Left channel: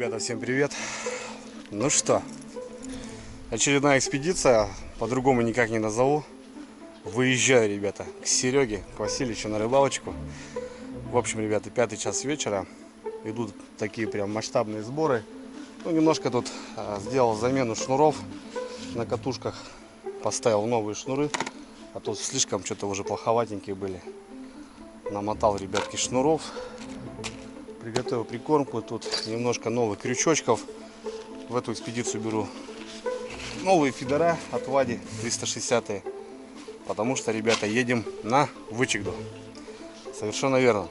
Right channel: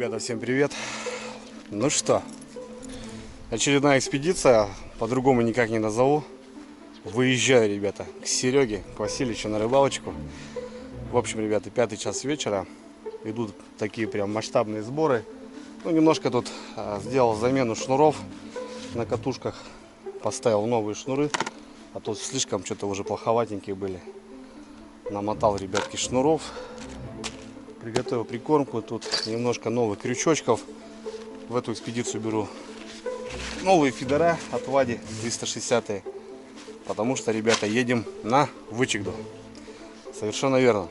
Ребята, всем привет. Ну что, очередная экспедиция, по-другому никак не назову. Выезжаю, ребята, к Сереге, к Васильевичу на рыбалочку. В общем, ребята, 5 час вечера. Идут такие прям масштабные сборы. Ну, немножко тут сделал замену шнуров на катушках. Поставил новые шнуры, а то слишком что-то уже плоховатенькие были. Намотал, ребятки, шнуров. Приготовил прикормку. Тут немножко новых крючочков. В эту экспедицию беру новые фидера от Вади 360. Потому что, ребята, едем на Вычегду. Совершенно верно.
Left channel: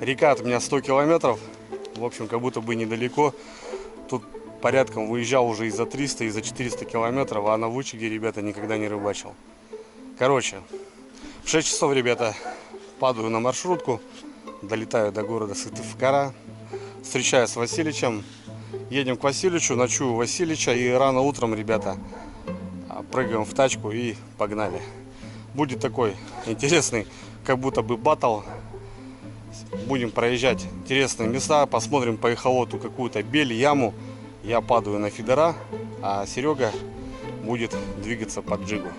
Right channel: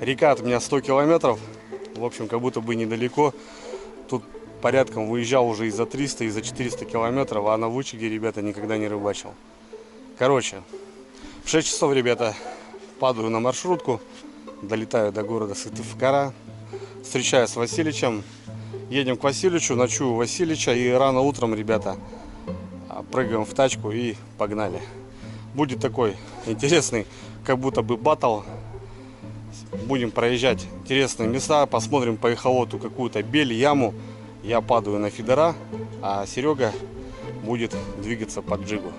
Река от меня 100 километров. В общем, как будто бы недалеко. Тут порядком выезжал уже и за 300, и за 400 километров. А на Вычегде, ребята, никогда не рыбачил. Короче, в 6 часов, ребята, падаю на маршрутку. Долетаю до города Сыктывкара. Встречаюсь с Васильичем. Едем к Васильичу, ночую у Васильича. И рано утром, ребята, прыгаем в тачку и погнали. Будет такой интересный, как будто бы баттл. Будем проезжать интересные места. Посмотрим по эхолоту какую-то бель, яму. Я падаю на фидера, а Серега будет двигаться по джигу.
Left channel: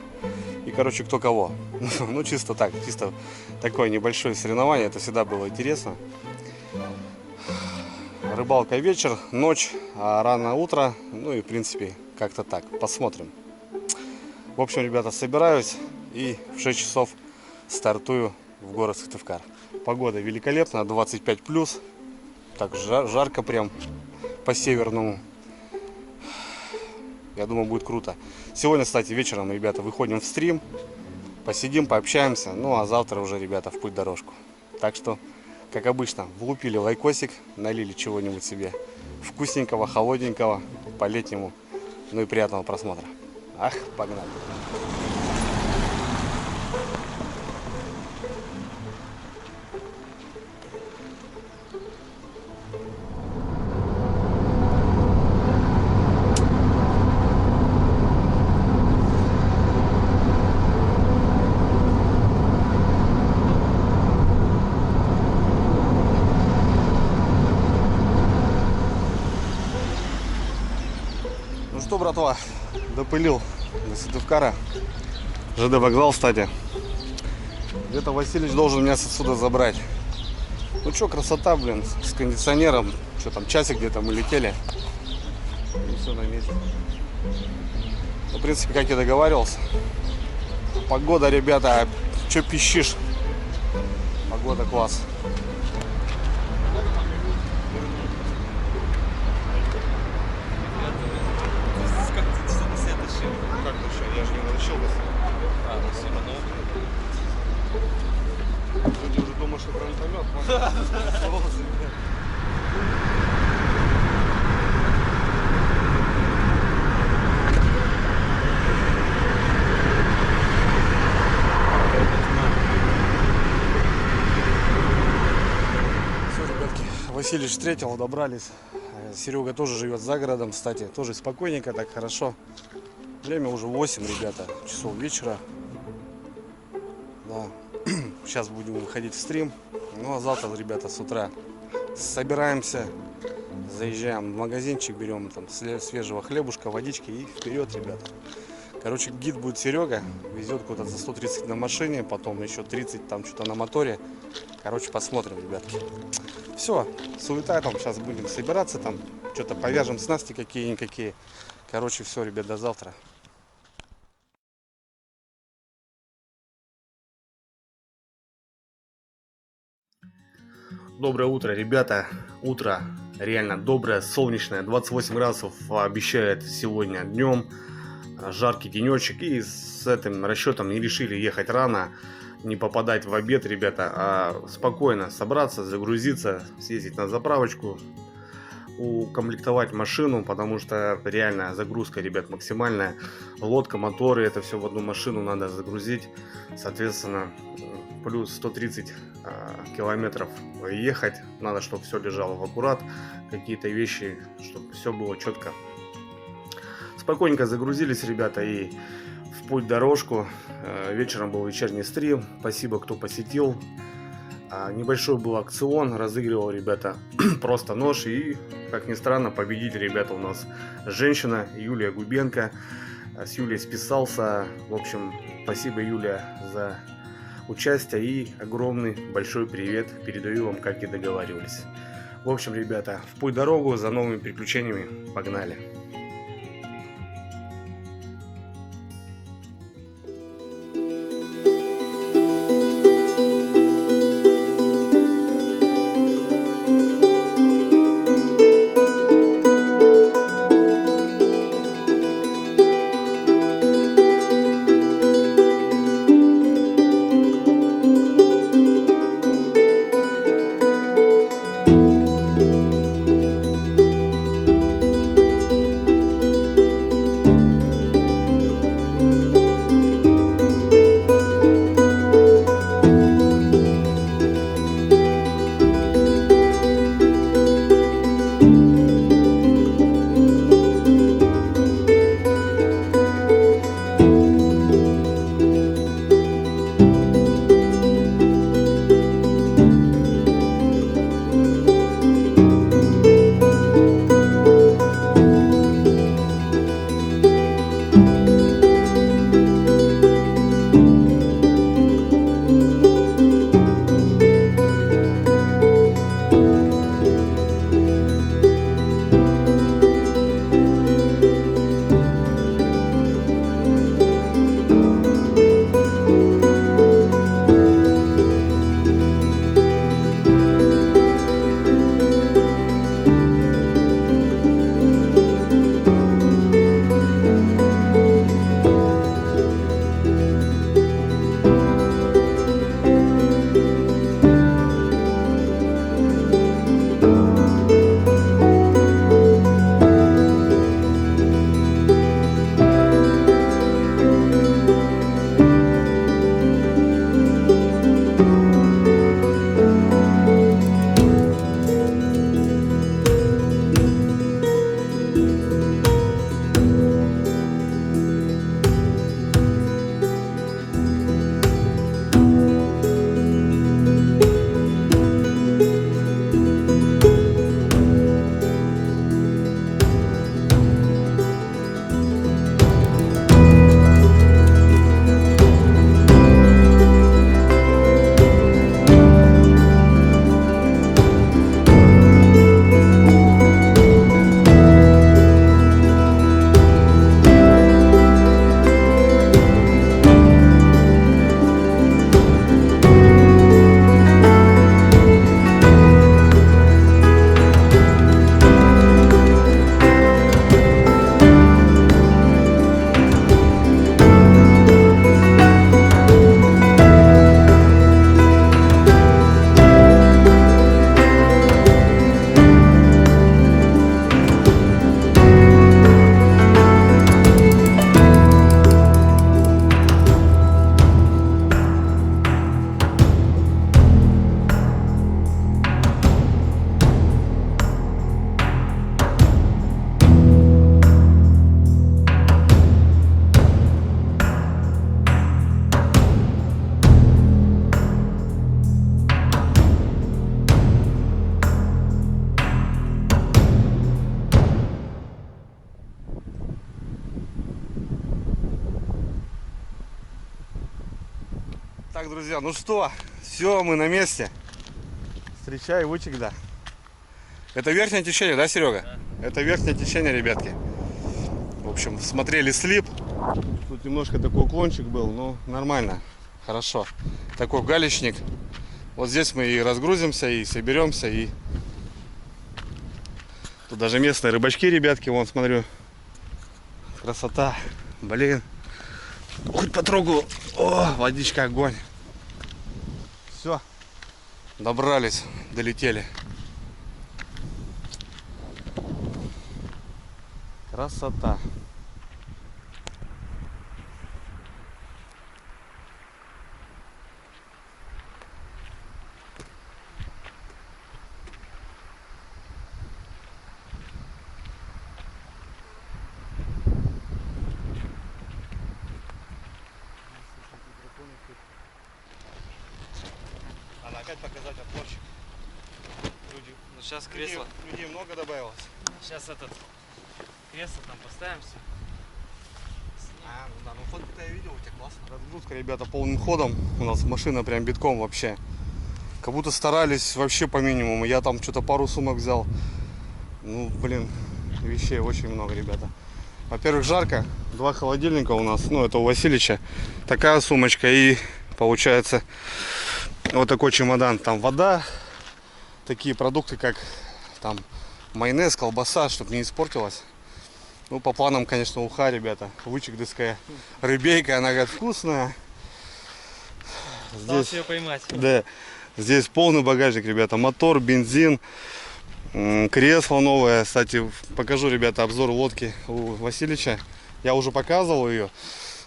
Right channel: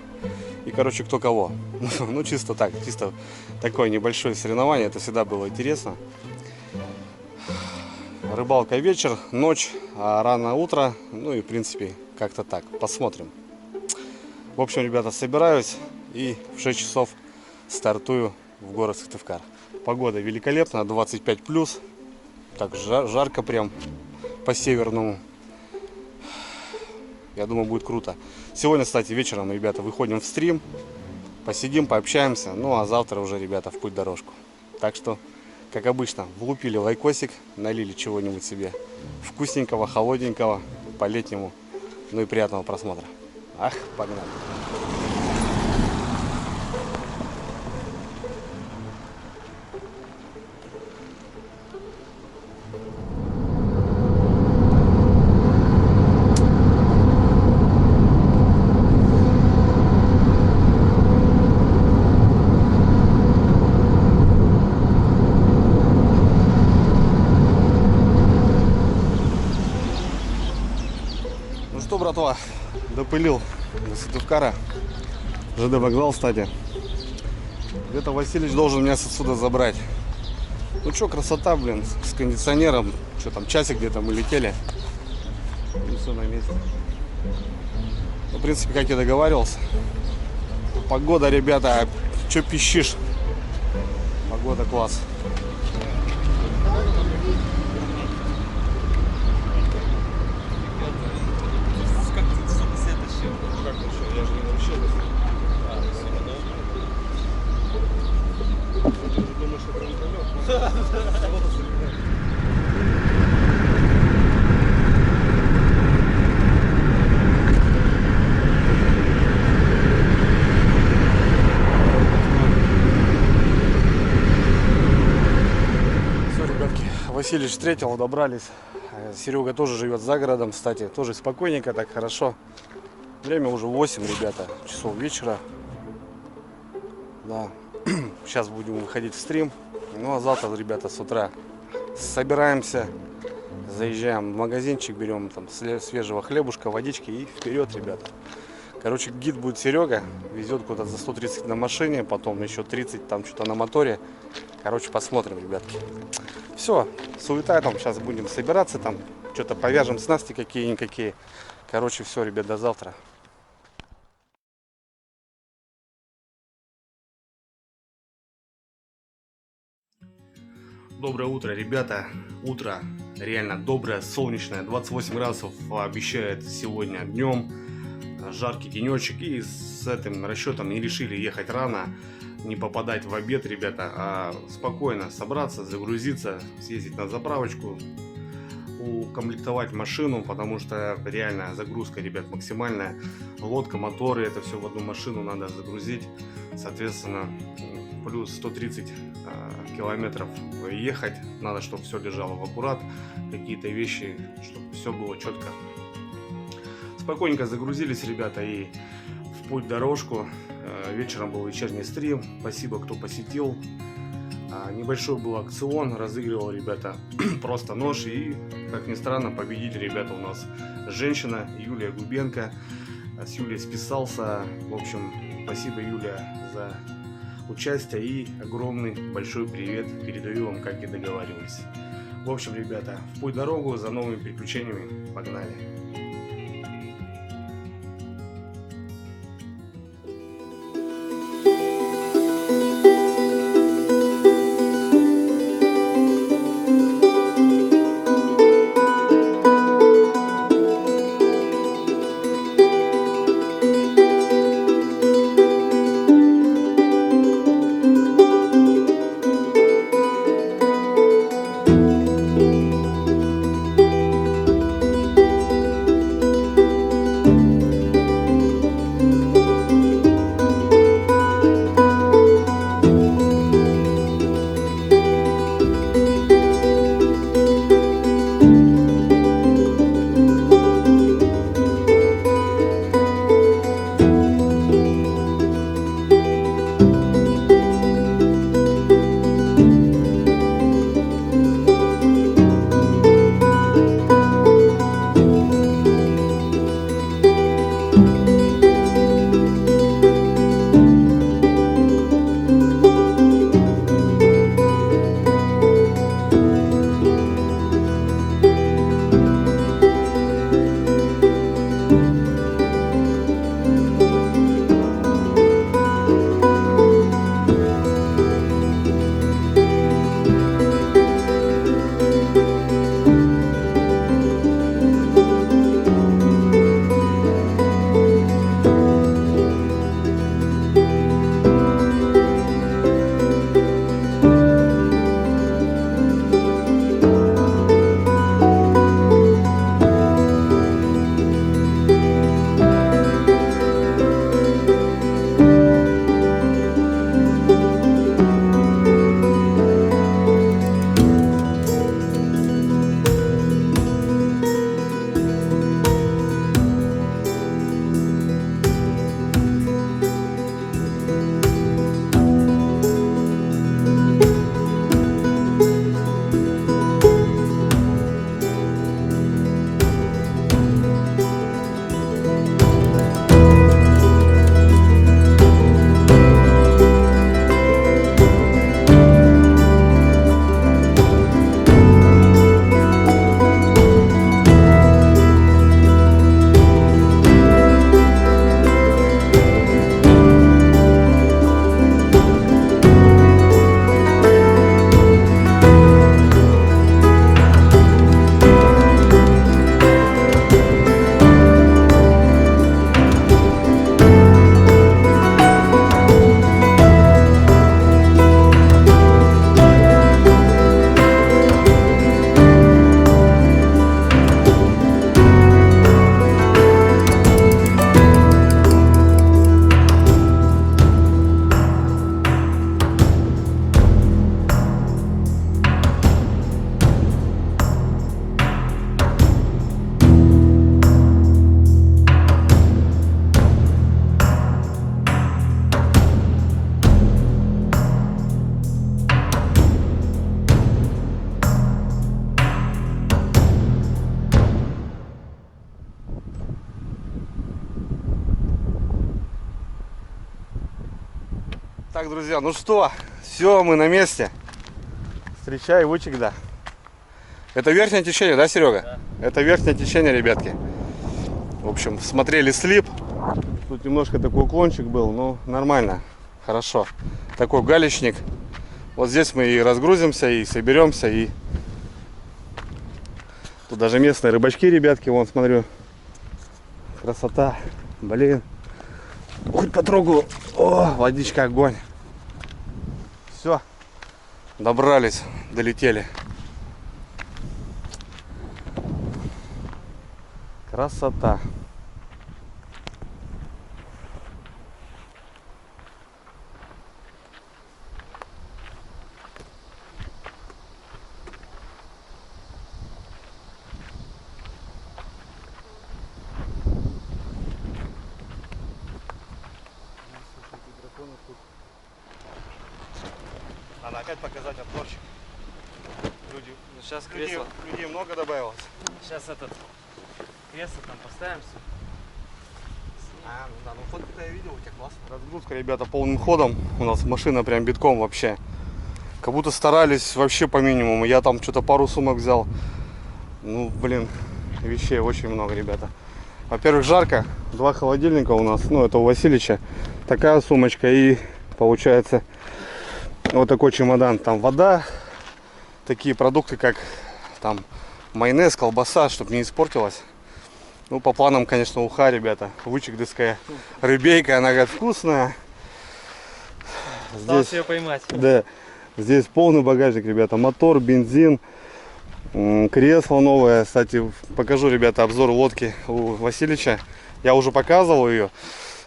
И, короче, кто кого. Ну, чисто так, чисто такое небольшое соревнование. Это всегда было интересно. Рыбалка вечер, ночь, а рано утро. Ну и, в принципе, как-то так. Посмотрим. В общем, ребята, собираюсь и в 6 часов стартую в город Сыктывкар. Погода великолепная, 25 плюс. Так жарко прям по-северному. Я думаю, будет круто. Сегодня, кстати, вечером, ребята, выходим в стрим. Посидим, пообщаемся. Ну, а завтра уже, ребята, в путь-дорожку. Так что, как обычно, влупили лайкосик, налили чего-нибудь себе вкусненького, холодненького, по-летнему. Ну и приятного просмотра. Ах, погнали. Ну что, братва, допылил до Сыктывкара. ЖД вокзал, кстати. Где-то Васильевич должен меня отсюда забрать. Ну что, красота, блин, с кондиционером. Что там, часик где-то мы летели. И все на месте. Ну, в принципе, как я договаривался. Погода, ребята, что пищишь? Погода класс. Как ты что? Я же не научил вас. Все равно. Ты уже думаешь, что гранатомет? Все, ребятки, Васильевич встретил, добрались. Серега тоже живет за городом, кстати, тоже спокойненько, так хорошо. Время уже 8, ребята, часов вечера. Да. Сейчас будем выходить в стрим. Ну а завтра, ребята, с утра собираемся, заезжаем в магазинчик, берем там свежего хлебушка, водички и вперед, ребята. Короче, гид будет Серега, везет куда-то за 130 на машине, потом еще 30 там что-то на моторе. Короче, посмотрим, ребятки. Все, суета там, сейчас будем собираться, там что-то повяжем снасти какие-никакие. Короче, все, ребят, до завтра. Доброе утро, ребята. Утро реально доброе, солнечное. 28 градусов обещает сегодня днем. Жаркий денечек. И с этим расчетом не решили ехать рано, не попадать в обед, ребята, а спокойно собраться, загрузиться, съездить на заправочку, укомплектовать машину, потому что реально загрузка, ребят, максимальная. Лодка, моторы, это все в одну машину надо загрузить. Соответственно, плюс 130 километров ехать. Надо, чтобы все лежало в аккурат. Какие-то вещи, чтобы все было четко. Спокойненько загрузились, ребята, и в путь-дорожку. Вечером был вечерний стрим. Спасибо, кто посетил. Небольшой был акцион, разыгрывал, ребята, просто нож. И, как ни странно, победитель, ребята, у нас женщина Юлия Губенко. С Юлей списался. В общем, спасибо, Юлия, за участие. И огромный большой привет передаю вам, как и договаривались. В общем, ребята, в путь дорогу за новыми приключениями. Погнали! Так, друзья, ну что, все, мы на месте. Встречай, Вычегда. Это верхнее течение, да, Серега? Да. Это верхнее течение, ребятки. В общем, смотрели слип. Тут немножко такой уклончик был, но нормально, хорошо. Такой галечник. Вот здесь мы и разгрузимся, и соберемся, и... Тут даже местные рыбачки, ребятки, вон, смотрю. Красота, блин. Хоть потрогаю. О, водичка, огонь. Все, добрались, долетели. Красота. опять показать обзорчик. Люди, ну сейчас кресло. Людей много добавилось. Сейчас этот кресло там поставим все. Ну да, ну фотки-то я видел, у тебя классно. Разгрузка, ребята, полным ходом. У нас машина прям битком вообще. Как будто старались вообще по минимуму. Я там что-то пару сумок взял. Ну, блин, вещей очень много, ребята. Во-первых, жарко. 2 холодильника у нас. Ну, это у Васильича. Такая сумочка и получается вот такой чемодан. Там вода. Такие продукты, как там майонез, колбаса, чтобы не испортилось. Ну, по планам, конечно, уха, ребята. Вычегдыская рыбейка, она говорит, вкусная. Осталось ее поймать. Да. Здесь полный багажник, ребята. Мотор, бензин, кресло новое. Кстати, покажу, ребята, обзор лодки у Васильича. Я уже показывал ее,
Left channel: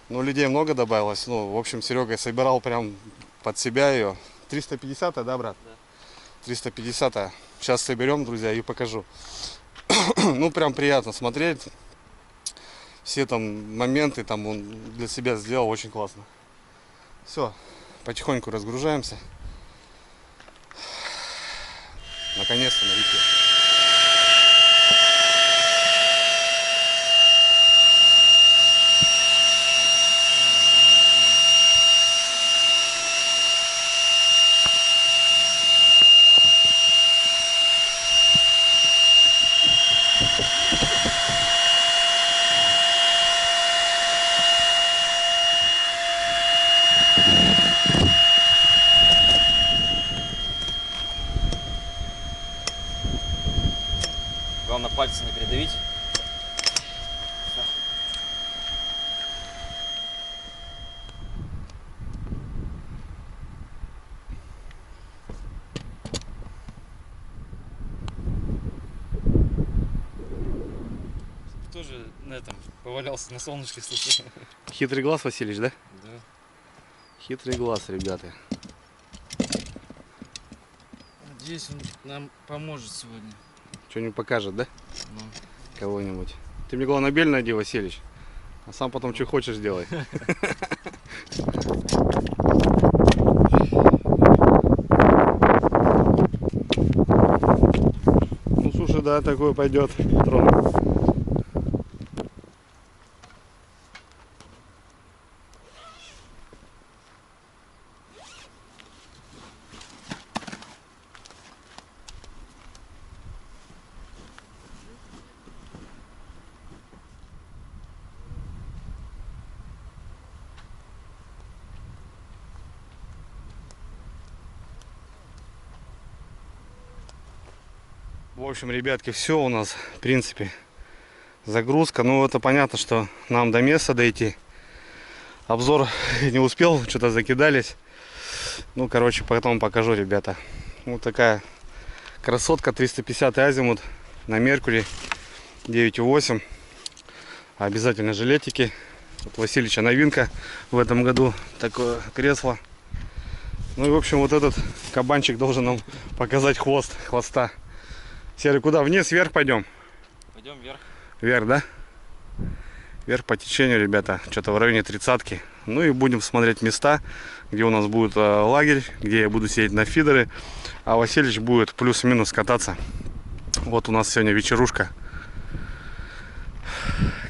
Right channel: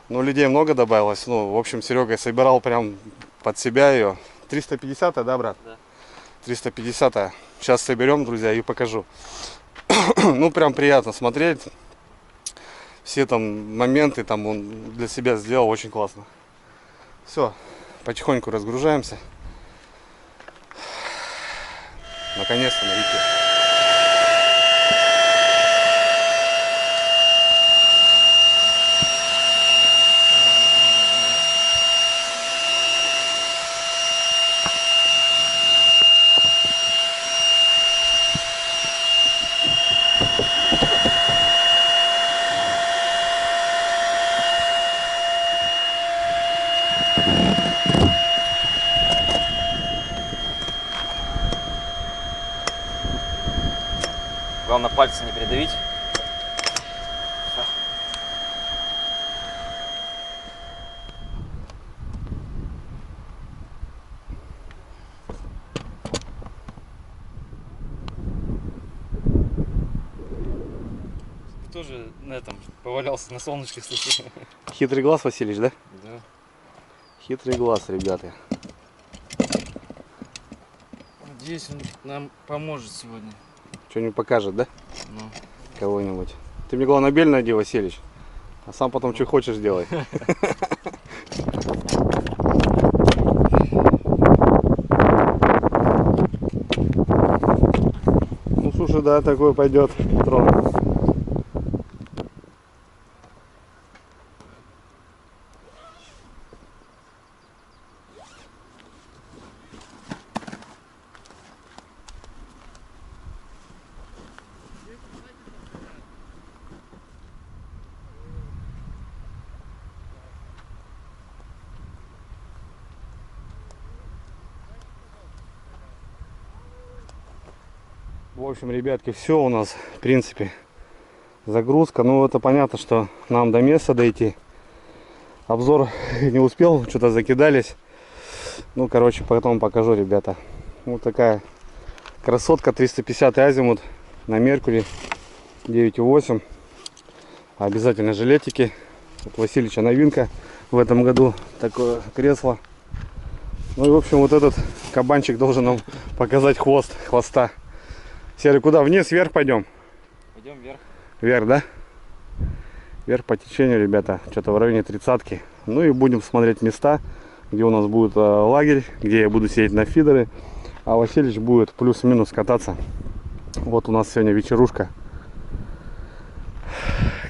но людей много добавилось. Ну, в общем, Серега собирал прям под себя ее. 350-я, да, брат? Да. 350-я. Сейчас соберем, друзья, и покажу. Ну, прям приятно смотреть. Все там моменты там он для себя сделал очень классно. Все, потихоньку разгружаемся. Наконец-то на реке. Главное пальцы не придавить. Ты тоже на этом повалялся на солнышке, слушай. Хитрый глаз, Василич, да? Да. Хитрый глаз, ребята. Надеюсь, он нам поможет сегодня. Что-нибудь покажет, да? Ну. Кого-нибудь. Ты мне главное бель найди, Василич. А сам потом что хочешь делай. Ну слушай, да, такой пойдет трон. В общем, ребятки, все у нас, в принципе, загрузка. Ну, это понятно, что нам до места дойти. Обзор не успел, что-то закидались. Ну, короче, потом покажу, ребята. Вот такая красотка, 350 азимут на Меркурий, 9,8. Обязательно жилетики. Вот Васильича новинка в этом году, такое кресло. Ну и, в общем, вот этот кабанчик должен нам показать хвоста. Серый, куда? Вниз, вверх пойдем? Пойдем вверх. Вверх, да? Вверх по течению, ребята. Что-то в районе 30-ки. Ну и будем смотреть места, где у нас будет лагерь, где я буду сидеть на фидеры. А Васильич будет плюс-минус кататься. Вот у нас сегодня вечерушка.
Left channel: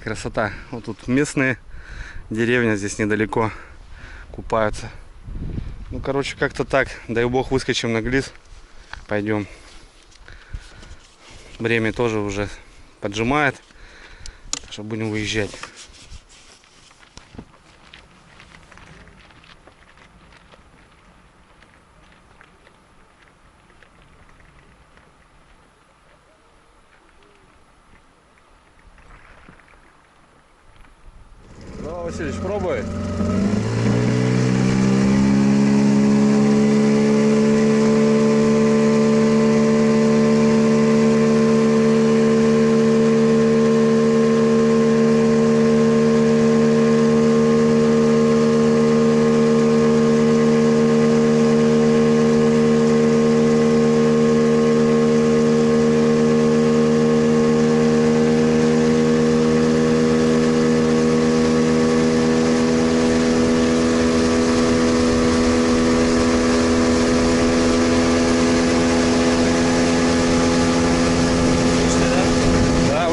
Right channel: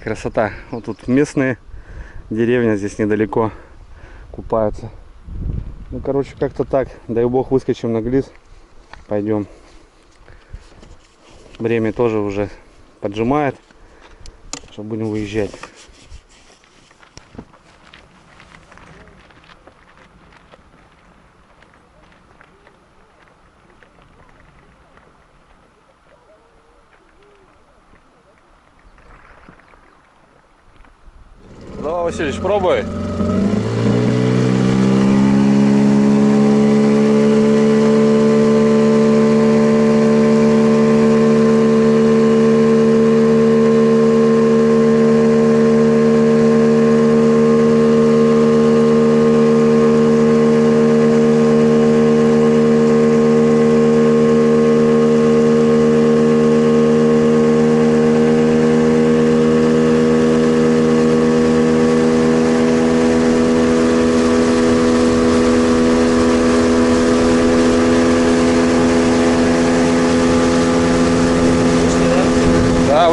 Красота. Вот тут местные, деревня здесь недалеко, купаются. Ну, короче, как-то так. Дай бог выскочим на глис. Пойдем. Время тоже уже поджимает, так что будем выезжать. Давай, Васильевич, пробуй.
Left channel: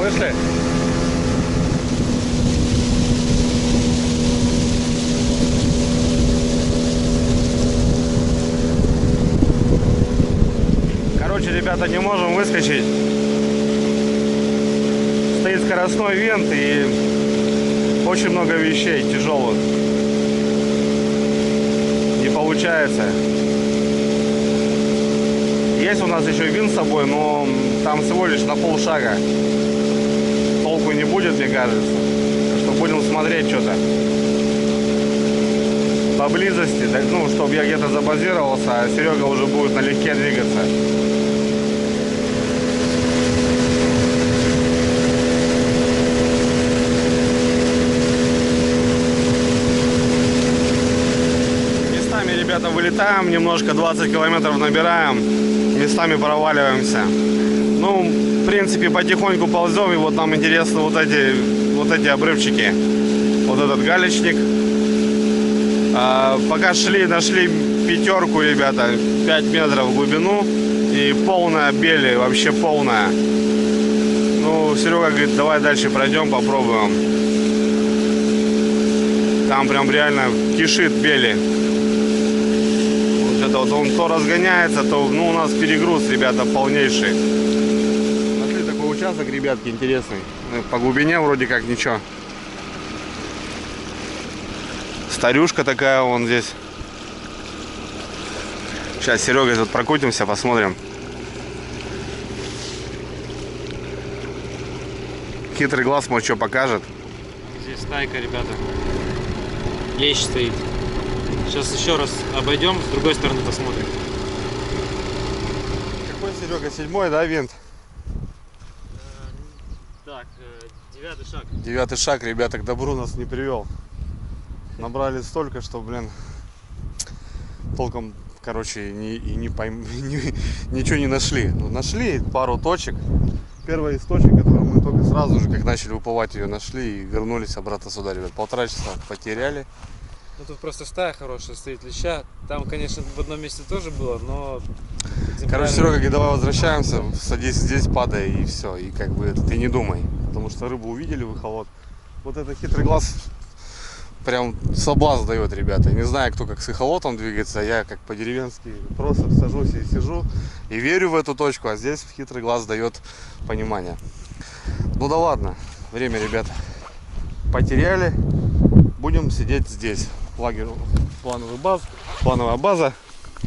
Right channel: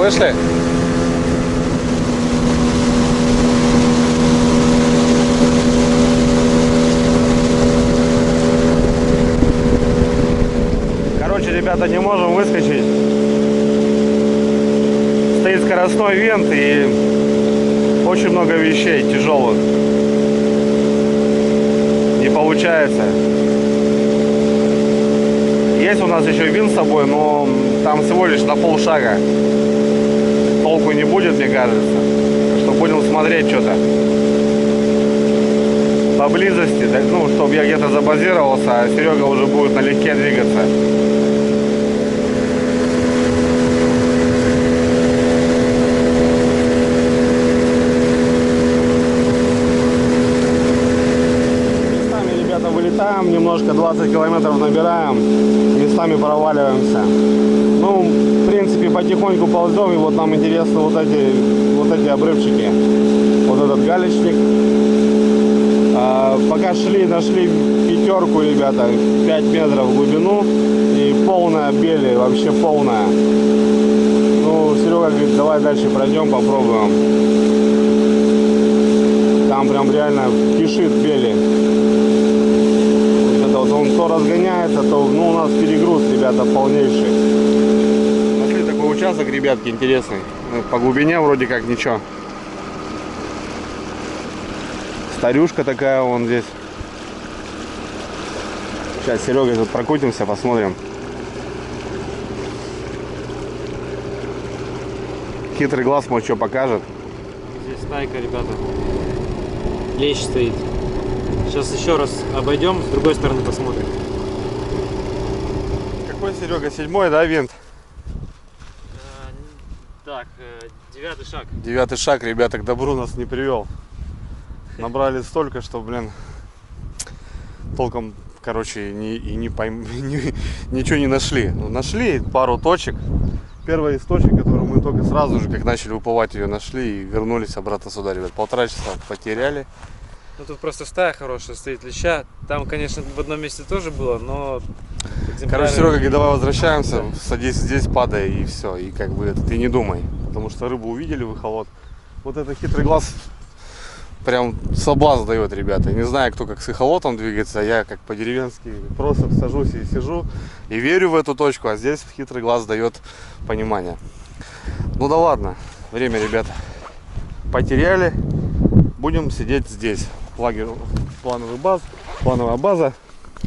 Вышли? Короче, ребята, не можем выскочить. Стоит скоростной винт и очень много вещей тяжелых. Не получается. Есть у нас еще винт с собой, но там всего лишь на полшага. Толку не будет, мне кажется. Так что будем смотреть что-то поблизости, ну, чтобы я где-то забазировался, а Серега уже будет налегке двигаться. Вылетаем немножко, 20 километров набираем, местами проваливаемся. Ну, в принципе, потихоньку ползем, и вот нам интересны вот эти обрывчики. Вот этот галечник. Пока шли, нашли пятерку, ребята, 5 метров в глубину и полная бели, вообще полная. Ну, Серега говорит, давай дальше пройдем, попробуем. Там прям реально кишит бели. Вот он то разгоняется, то, ну, у нас перегруз, ребята, полнейший. Нашли такой участок, ребятки, интересный. По глубине вроде как ничего. Старюшка такая вон здесь. Сейчас Серега тут прокрутимся, посмотрим. Хитрый глаз, может, что покажет. Здесь стайка, ребята. Лещ стоит. Сейчас еще раз обойдем, с другой стороны посмотрим. Какой, Серега, 7-й, да, винт? Так, 9-й шаг. 9-й шаг, ребята, к добру нас не привел. Набрали столько, что, блин, толком, короче, ничего не нашли. Но нашли пару точек. Первая из точек, которую мы только сразу же, как начали уплывать, ее нашли и вернулись обратно сюда, ребят. 1,5 часа потеряли. Ну тут просто стая хорошая стоит леща. Там, конечно, в одном месте тоже было, но... Короче, Серега говорит, давай возвращаемся, садись здесь, падай и все. И как бы это ты не думай. Потому что рыбу увидели в эхолот. Вот это хитрый глаз прям соблазн дает, ребята. Не знаю, кто как с эхолотом двигается, я как по-деревенски просто сажусь и сижу и верю в эту точку, а здесь хитрый глаз дает понимание. Ну да ладно, время, ребята, потеряли. Будем сидеть здесь. Лагерь, плановая база.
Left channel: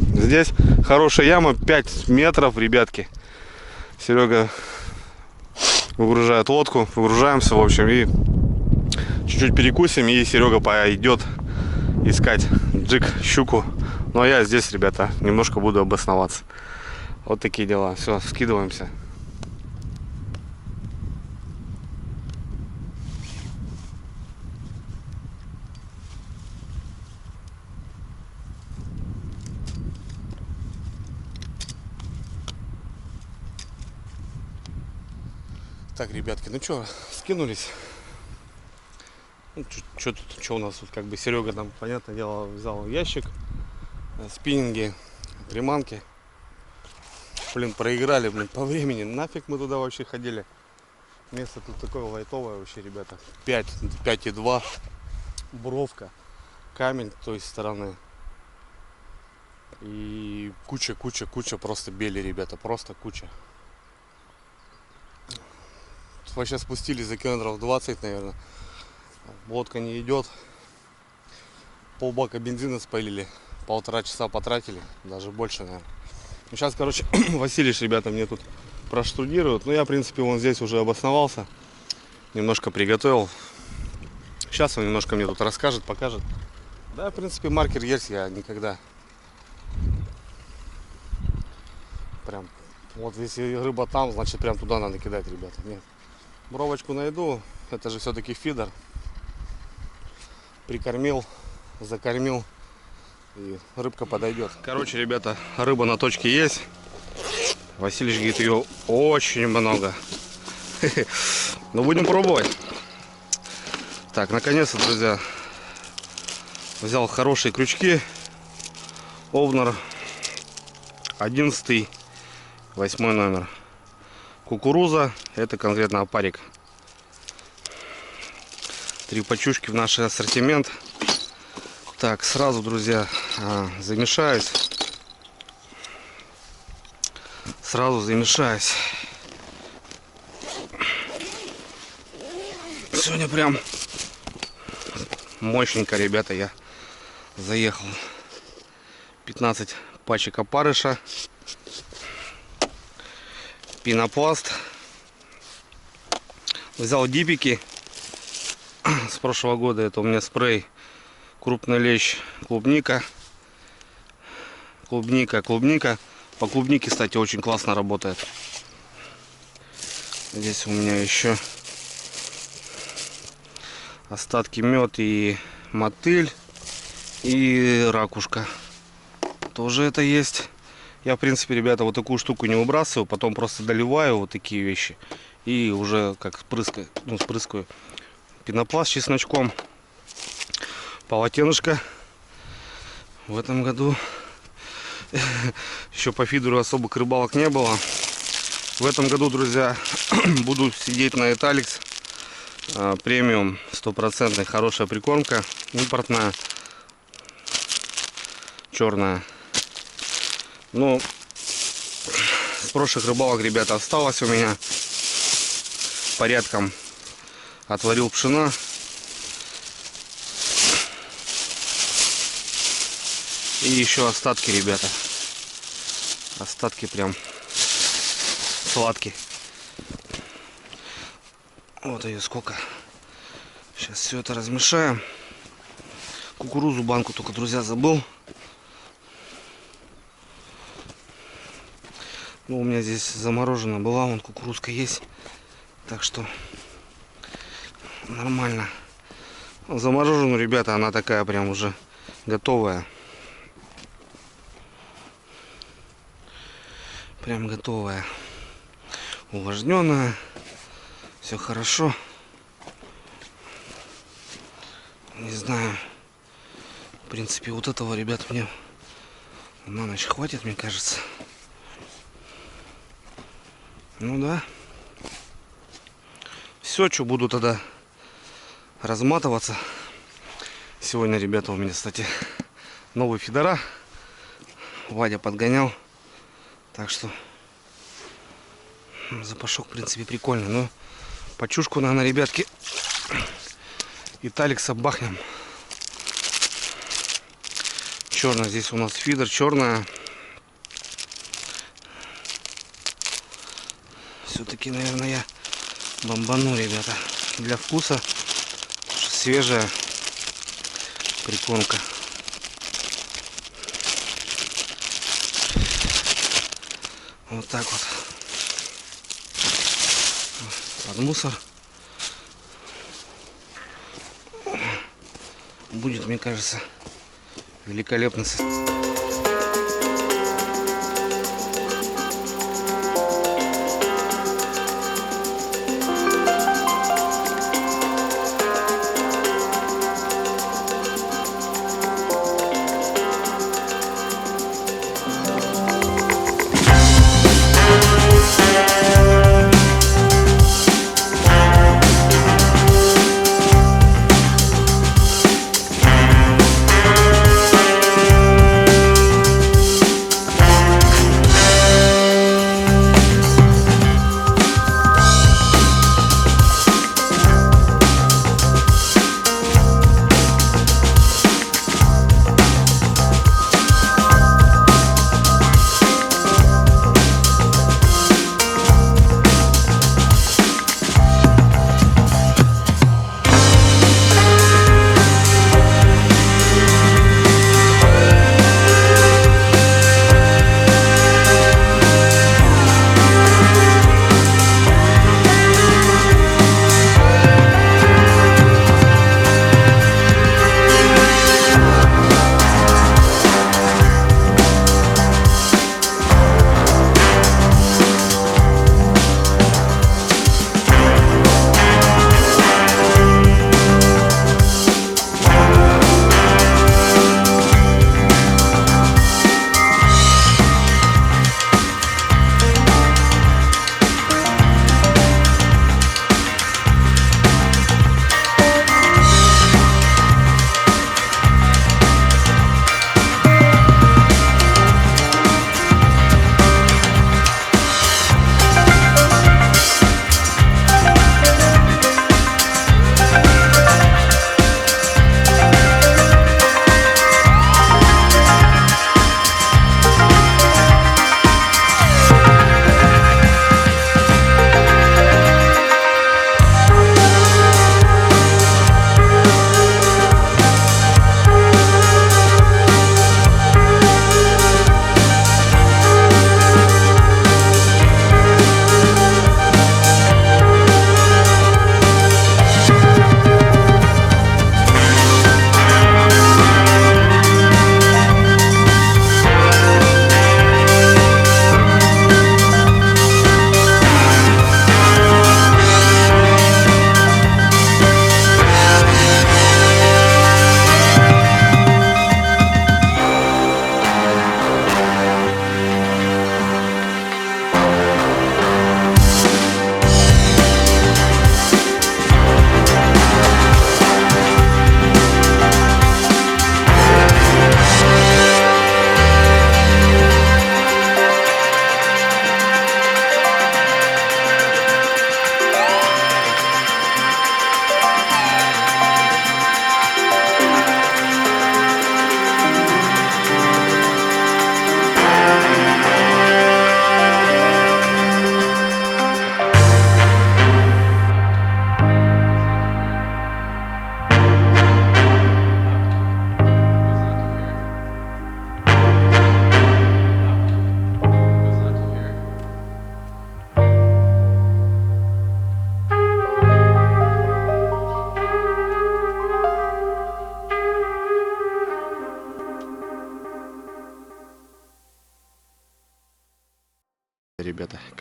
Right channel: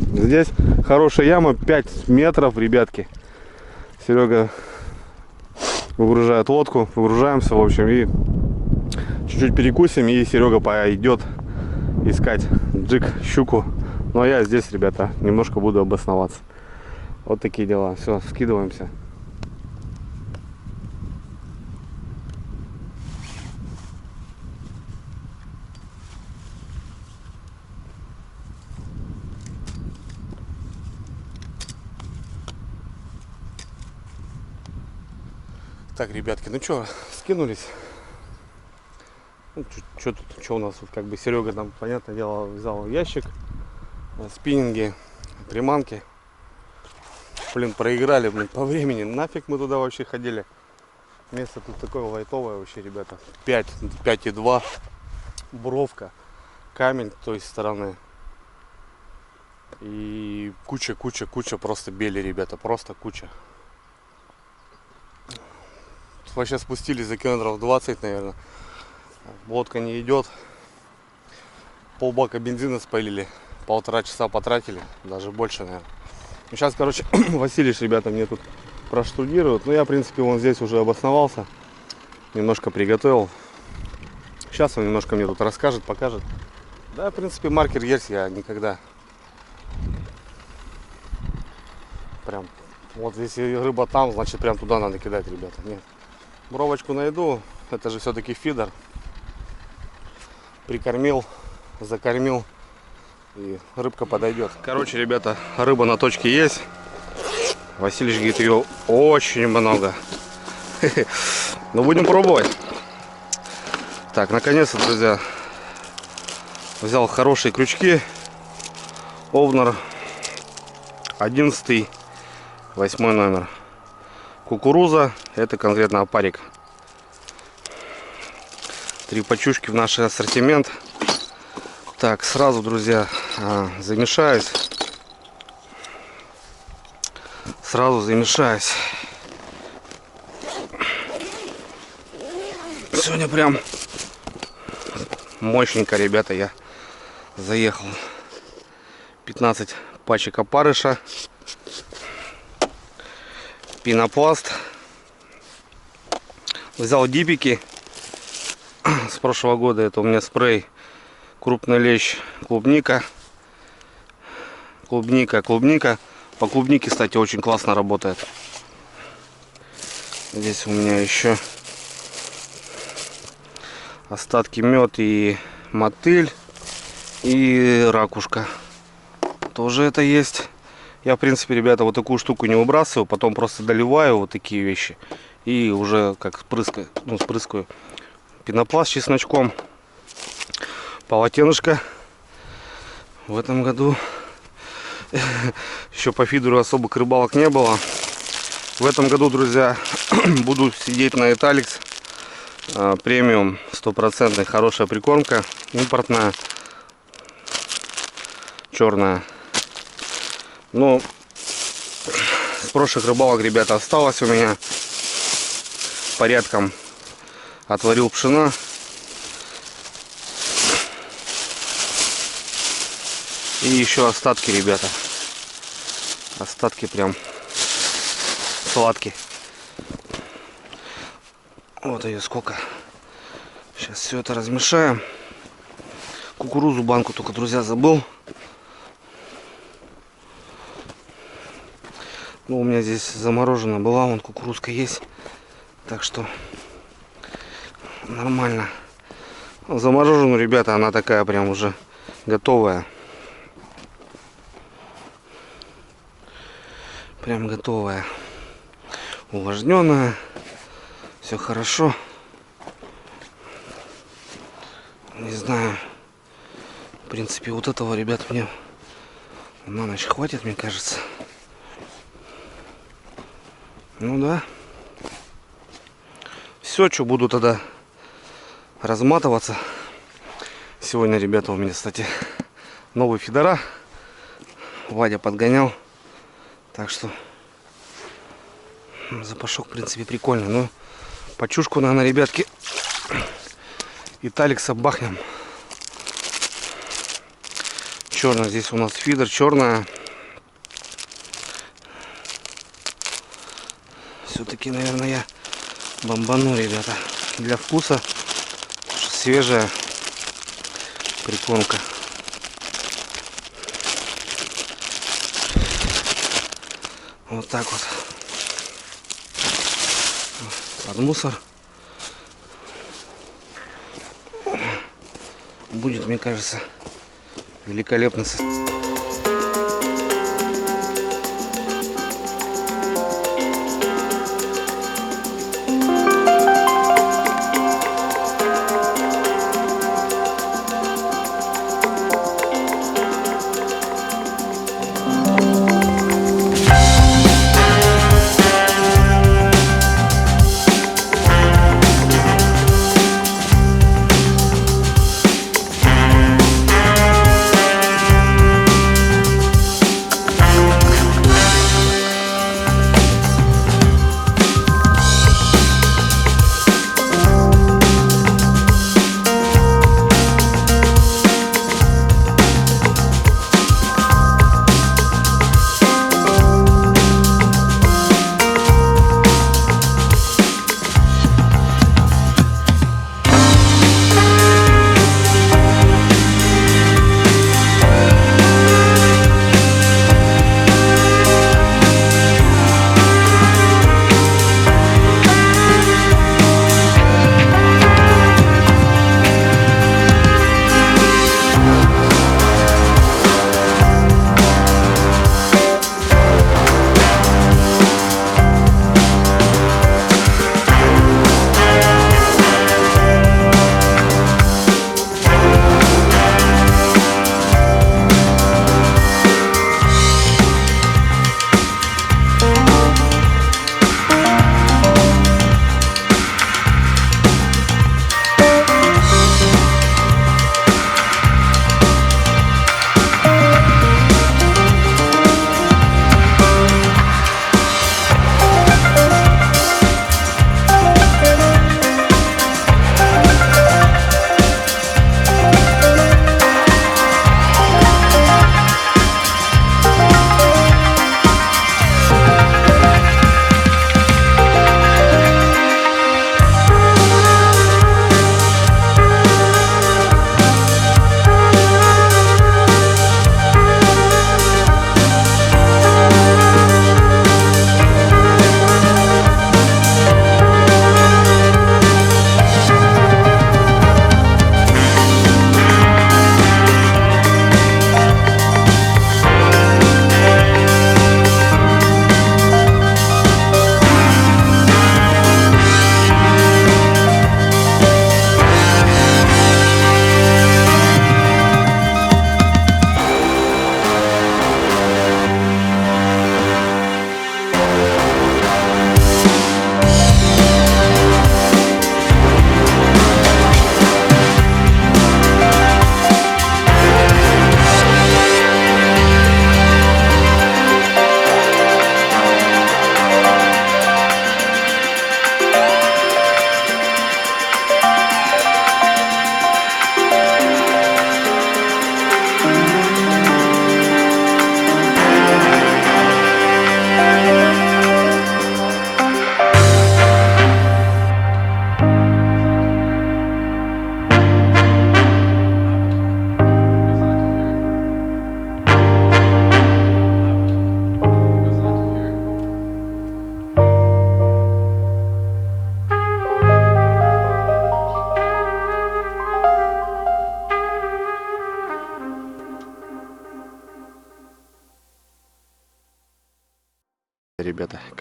Здесь хорошая яма, 5 метров, ребятки. Серега выгружает лодку, выгружаемся, в общем, и чуть-чуть перекусим, и Серега пойдет искать джиг, щуку. Ну а я здесь, ребята, немножко буду обосноваться. Вот такие дела. Все, скидываемся. Так, ребятки, ну что, скинулись. Ну, что у нас тут, как бы Серега там, понятное дело, взял ящик, спиннинги, приманки. Блин, проиграли, блин, по времени. Нафиг мы туда вообще ходили. Место тут такое лайтовое вообще, ребята. 5,2. Бровка. Камень с той стороны. И куча просто бели, ребята. Просто куча. Вообще спустились за километров 20, наверное. Лодка не идет. Полбака бензина спалили. 1,5 часа потратили. Даже больше, наверное. Сейчас, короче, Василич, ребята, мне тут проштудируют. Но я, в принципе, вон здесь уже обосновался. Немножко приготовил. Сейчас он немножко мне тут расскажет, покажет. Да, в принципе, маркер есть. Я никогда... Прям... Вот если рыба там, значит, прям туда надо кидать, ребята. Нет. Бровочку найду. Это же все-таки фидер. Прикормил, закормил. И рыбка подойдет. Короче, ребята, рыба на точке есть. Василич говорит, ее очень много. Ну, будем пробовать. Так, наконец-то, друзья, взял хорошие крючки. Овнер 11, 8 номер. кукуруза, это конкретно опарик. 3 пачушки в наш ассортимент. Так, сразу, друзья, замешаюсь. Сегодня прям мощненько, ребята, я заехал. 15 пачек опарыша, пенопласт. Взял дипики с прошлого года. Это у меня спрей крупный лещ, клубника. По клубнике, кстати, очень классно работает. Здесь у меня еще остатки мед и мотыль и ракушка. Тоже это есть. Я, в принципе, ребята, вот такую штуку не выбрасываю, потом просто доливаю вот такие вещи и уже как спрыскаю. Пенопласт с чесночком, полотенышко. В этом году еще по фидеру особых рыбалок не было. В этом году, друзья, буду сидеть на Italyx. Премиум, 100%, хорошая прикормка, импортная, черная. Ну, с прошлых рыбалок, ребята, осталось у меня порядком. Отварил пшена. И еще остатки, ребята. Остатки прям сладкие. Вот ее сколько. Сейчас все это размешаем. Кукурузу банку только, друзья, забыл. Ну, у меня здесь заморожена была, вон кукурузка есть. Так что нормально. Заморожена, ребята, она такая прям уже готовая. Прям готовая. Увлажненная. Все хорошо. Не знаю. В принципе, вот этого, ребят, мне на ночь хватит, мне кажется. Ну да. Все, что буду тогда разматываться. Сегодня, ребята, у меня, кстати, новые фидера. Вадя подгонял. Так что запашок, в принципе, прикольный. Но пачушку, наверное, ребятки, Italyx бахнем. Черная здесь у нас фидер, черная. Все-таки, наверное, я бомбану, ребята, для вкуса. Свежая прикормка. Вот так вот. Под мусор. Будет, мне кажется, великолепно.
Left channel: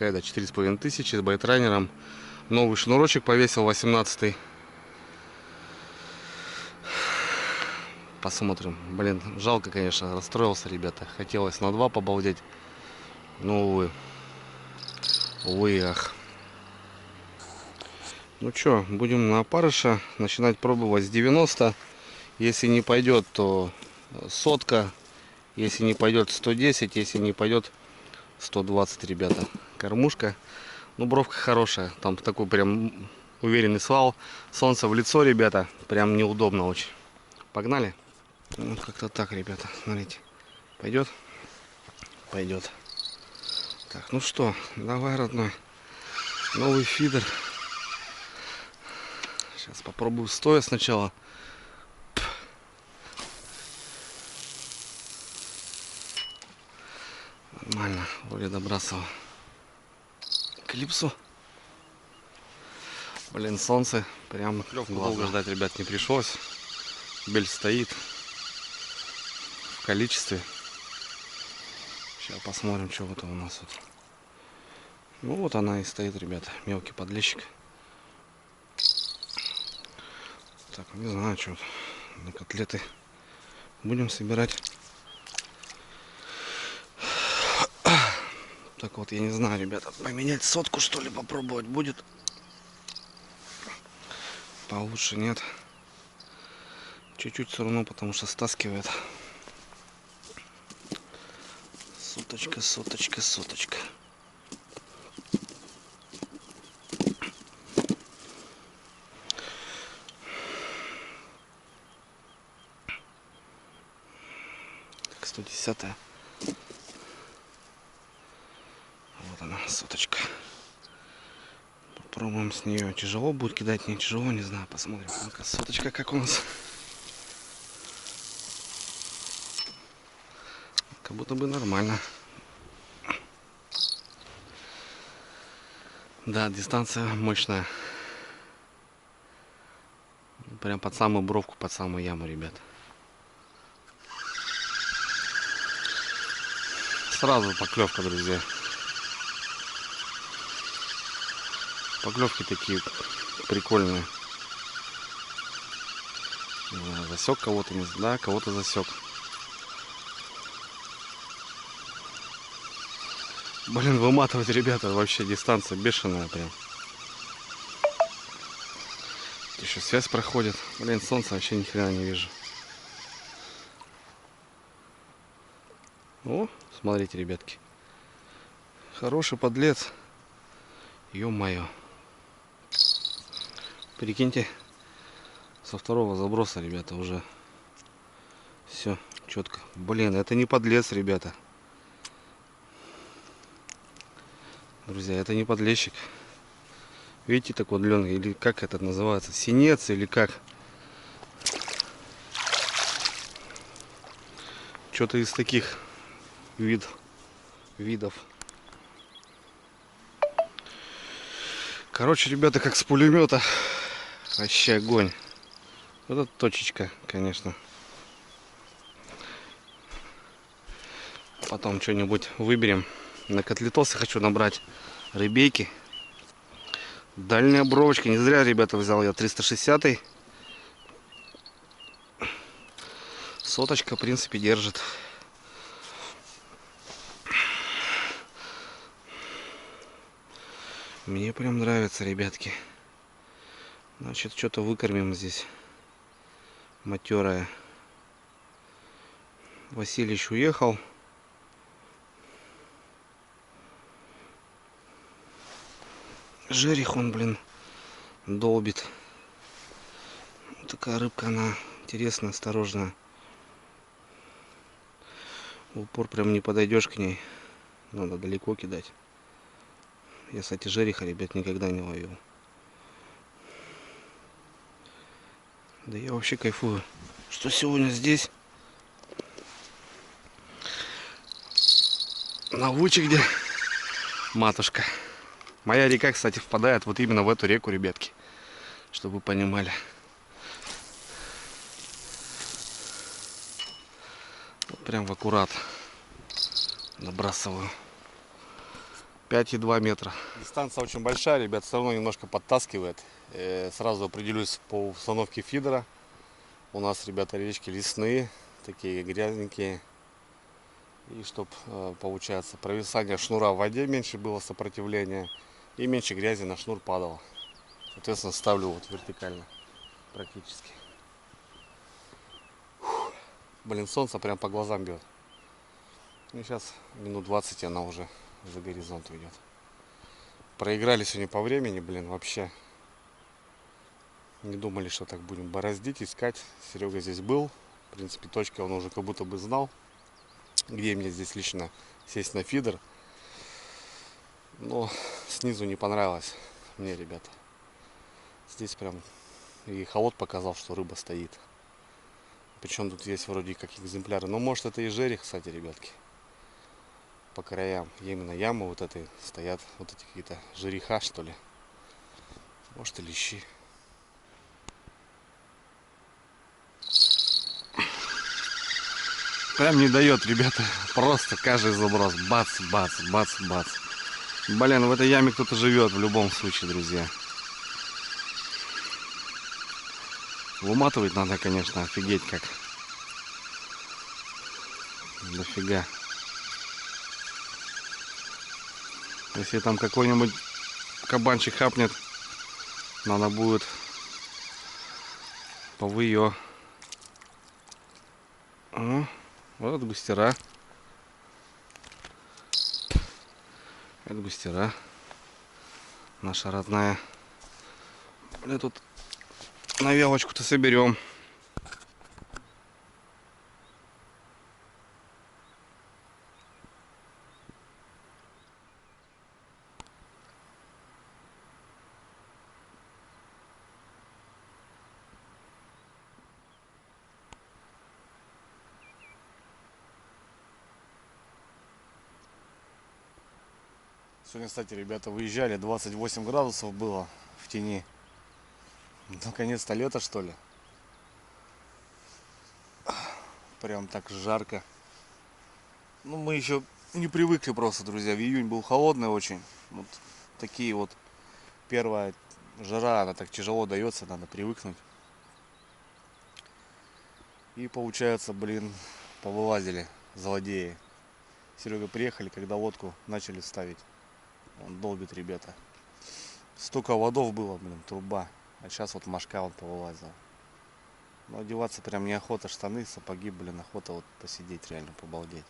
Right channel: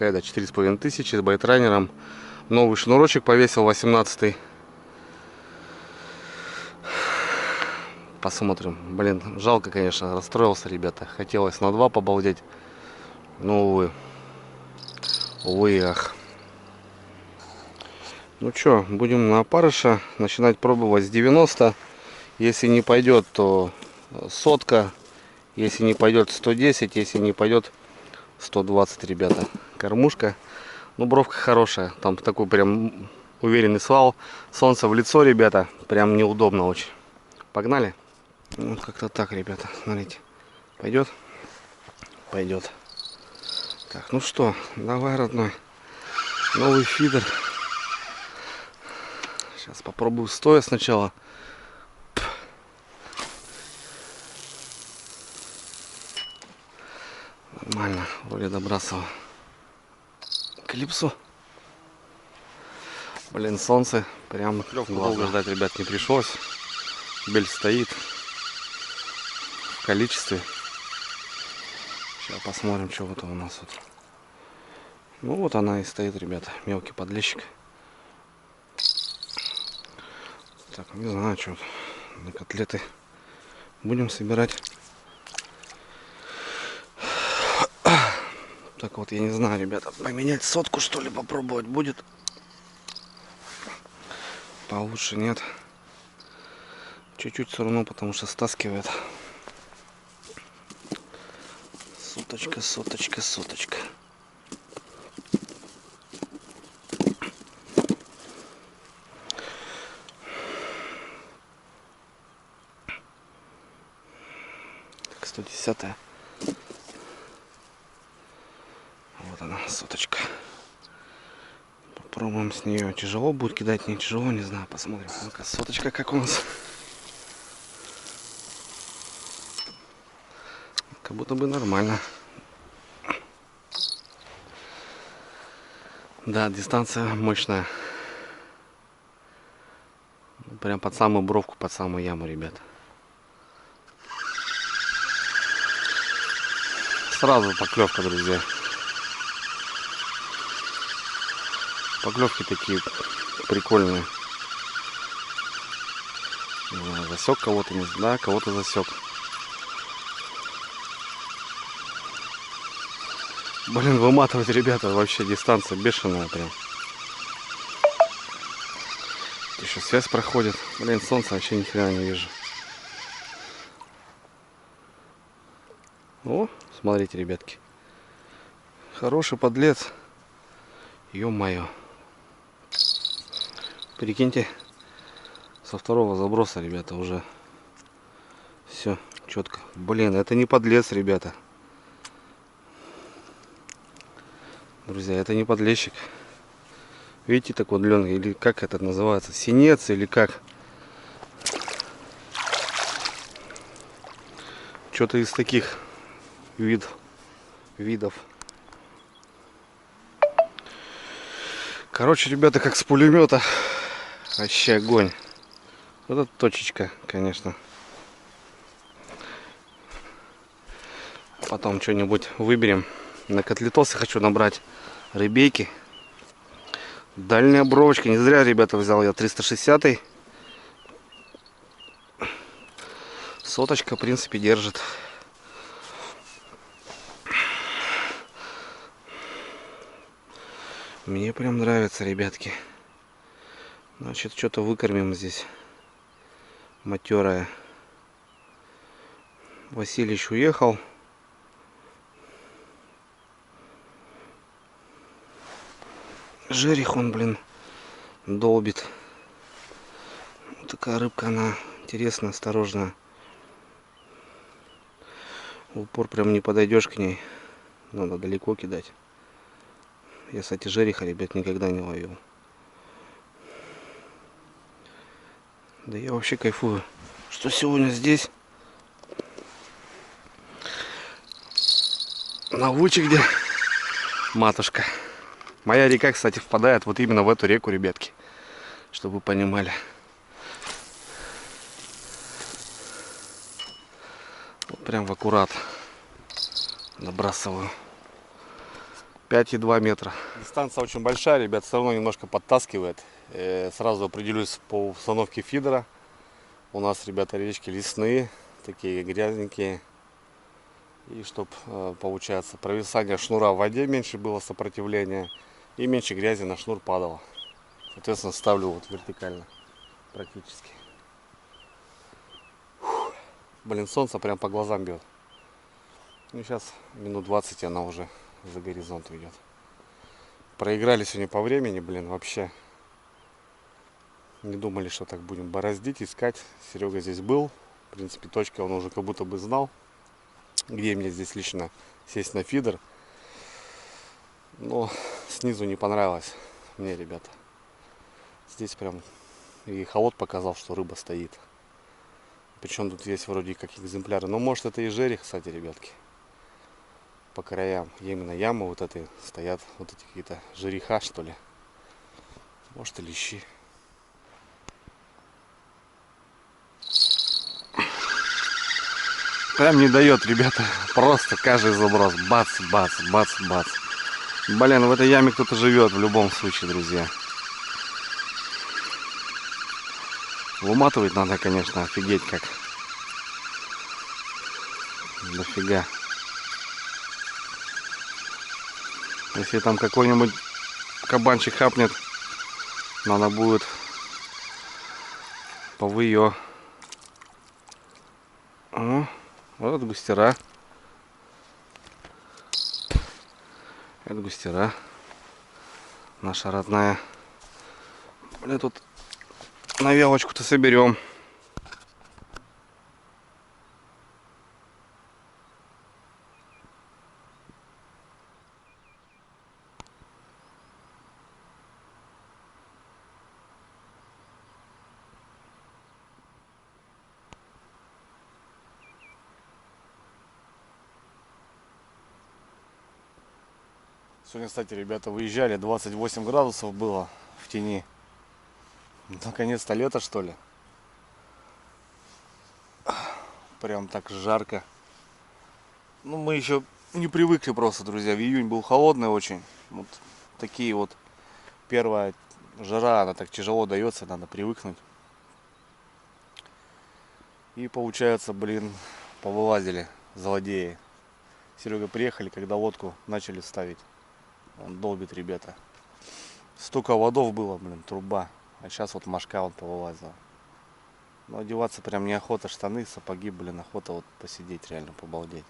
Кайда 4500 с байтрайнером. Новый шнурочек повесил 18-й. Посмотрим. Блин, жалко, конечно, расстроился, ребята. Хотелось на 2 побалдеть. Но, увы. Увы и ах. Ну что, будем на опарыша начинать пробовать с 90. Если не пойдет, то 100. Если не пойдет, 110. Если не пойдет, 120, ребята. Кормушка. Ну, бровка хорошая. Там такой прям уверенный свал. Солнце в лицо, ребята. Прям неудобно очень. Погнали. Ну, как-то так, ребята. Смотрите. Пойдет? Пойдет. Так, ну что, давай, родной. Новый фидер. Сейчас попробую стоя сначала. Нормально, вроде добрасывал. Клипсу. Блин, солнце. Прям долго ждать, ребят, не пришлось. Бель стоит в количестве. Сейчас посмотрим, что вот у нас вот. Ну вот она и стоит, ребята. Мелкий подлещик. Так, не знаю, что на котлеты будем собирать. Так вот, я не знаю, ребята, поменять 100 что ли попробовать будет. Получше нет. Чуть-чуть все равно, потому что стаскивает. Соточка, соточка, соточка. Так, 110-я. Вот она, соточка. Попробуем с нее. Тяжело будет кидать, не тяжело, не знаю. Посмотрим. Ну-ка, соточка как у нас. Как будто бы нормально. Да, дистанция мощная. Прям под самую бровку, под самую яму, ребят. Сразу поклевка, друзья. Поклевки такие прикольные. Засек кого-то, не знаю, кого-то засек. Блин, выматывать, ребята, вообще дистанция бешеная прям. Еще связь проходит. Блин, солнце вообще ни хрена не вижу. О, смотрите, ребятки. Хороший подлец. Ё-моё. Прикиньте, со второго заброса, ребята, уже все четко. Блин, это не подлец, ребята. Друзья, это не подлещик. Видите, такой длинный, или как это называется, синец или как? Что-то из таких видов. Короче, ребята, как с пулемета. Вообще огонь. Вот эта точечка, конечно. Потом что-нибудь выберем. На котлетосы хочу набрать рыбейки. Дальняя бровочка. Не зря, ребята, взял я 360-й. Соточка, в принципе, держит. Мне прям нравится, ребятки. Значит, что-то выкормим здесь. Матерая. Василич уехал. Жерех он, блин, долбит. Вот такая рыбка, она интересная, осторожная. В упор прям не подойдешь к ней. Надо далеко кидать. Я, кстати, жереха, ребят, никогда не ловил. Да я вообще кайфую, что сегодня здесь. На Вуче, где матушка. Моя река, кстати, впадает вот именно в эту реку, ребятки. Чтобы вы понимали. Вот прям в аккурат набрасываю. 5,2 метра. Дистанция очень большая, ребят, все равно немножко подтаскивает. Сразу определюсь по установке фидера. У нас, ребята, речки лесные, такие грязненькие. И чтобы, получается, провисание шнура в воде меньше было сопротивления. И меньше грязи на шнур падало. Соответственно, ставлю вот вертикально практически. Фух. Блин, солнце прям по глазам бьет. Ну, сейчас минут 20 она уже за горизонт уйдет. Проиграли сегодня по времени, блин, вообще. Не думали, что так будем бороздить, искать. Серега здесь был. В принципе, точка он уже как будто бы знал, где мне здесь лично сесть на фидер. Но снизу не понравилось мне, ребята. Здесь прям и холод показал, что рыба стоит. Причем тут есть вроде как экземпляры. Но может это и жерех, кстати, ребятки. По краям. Именно ямы вот этой стоят. Вот эти какие-то жереха, что ли. Может и лещи. Прям не дает, ребята. Просто каждый заброс. Бац, бац, бац, бац. Блин, в этой яме кто-то живет в любом случае, друзья. Выматывать надо, конечно, офигеть как. Дофига. Если там какой-нибудь кабанчик хапнет, надо будет повыё. О, вот густера. Это густера. Наша родная. Бля, тут на вялочку-то соберем. Сегодня, кстати, ребята, выезжали, 28 градусов было в тени. Наконец-то лето, что ли. Прям так жарко. Ну, мы еще не привыкли просто, друзья. В июнь был холодный очень. Вот такие вот первая жара, она так тяжело дается, надо привыкнуть. И получается, блин, повылазили злодеи. Серега приехали, когда лодку начали ставить. Он долбит, ребята. Столько водов было, блин, труба. А сейчас вот мошка вот повылазила. Но одеваться прям неохота, штаны, сапоги, блин, охота вот посидеть, реально побалдеть.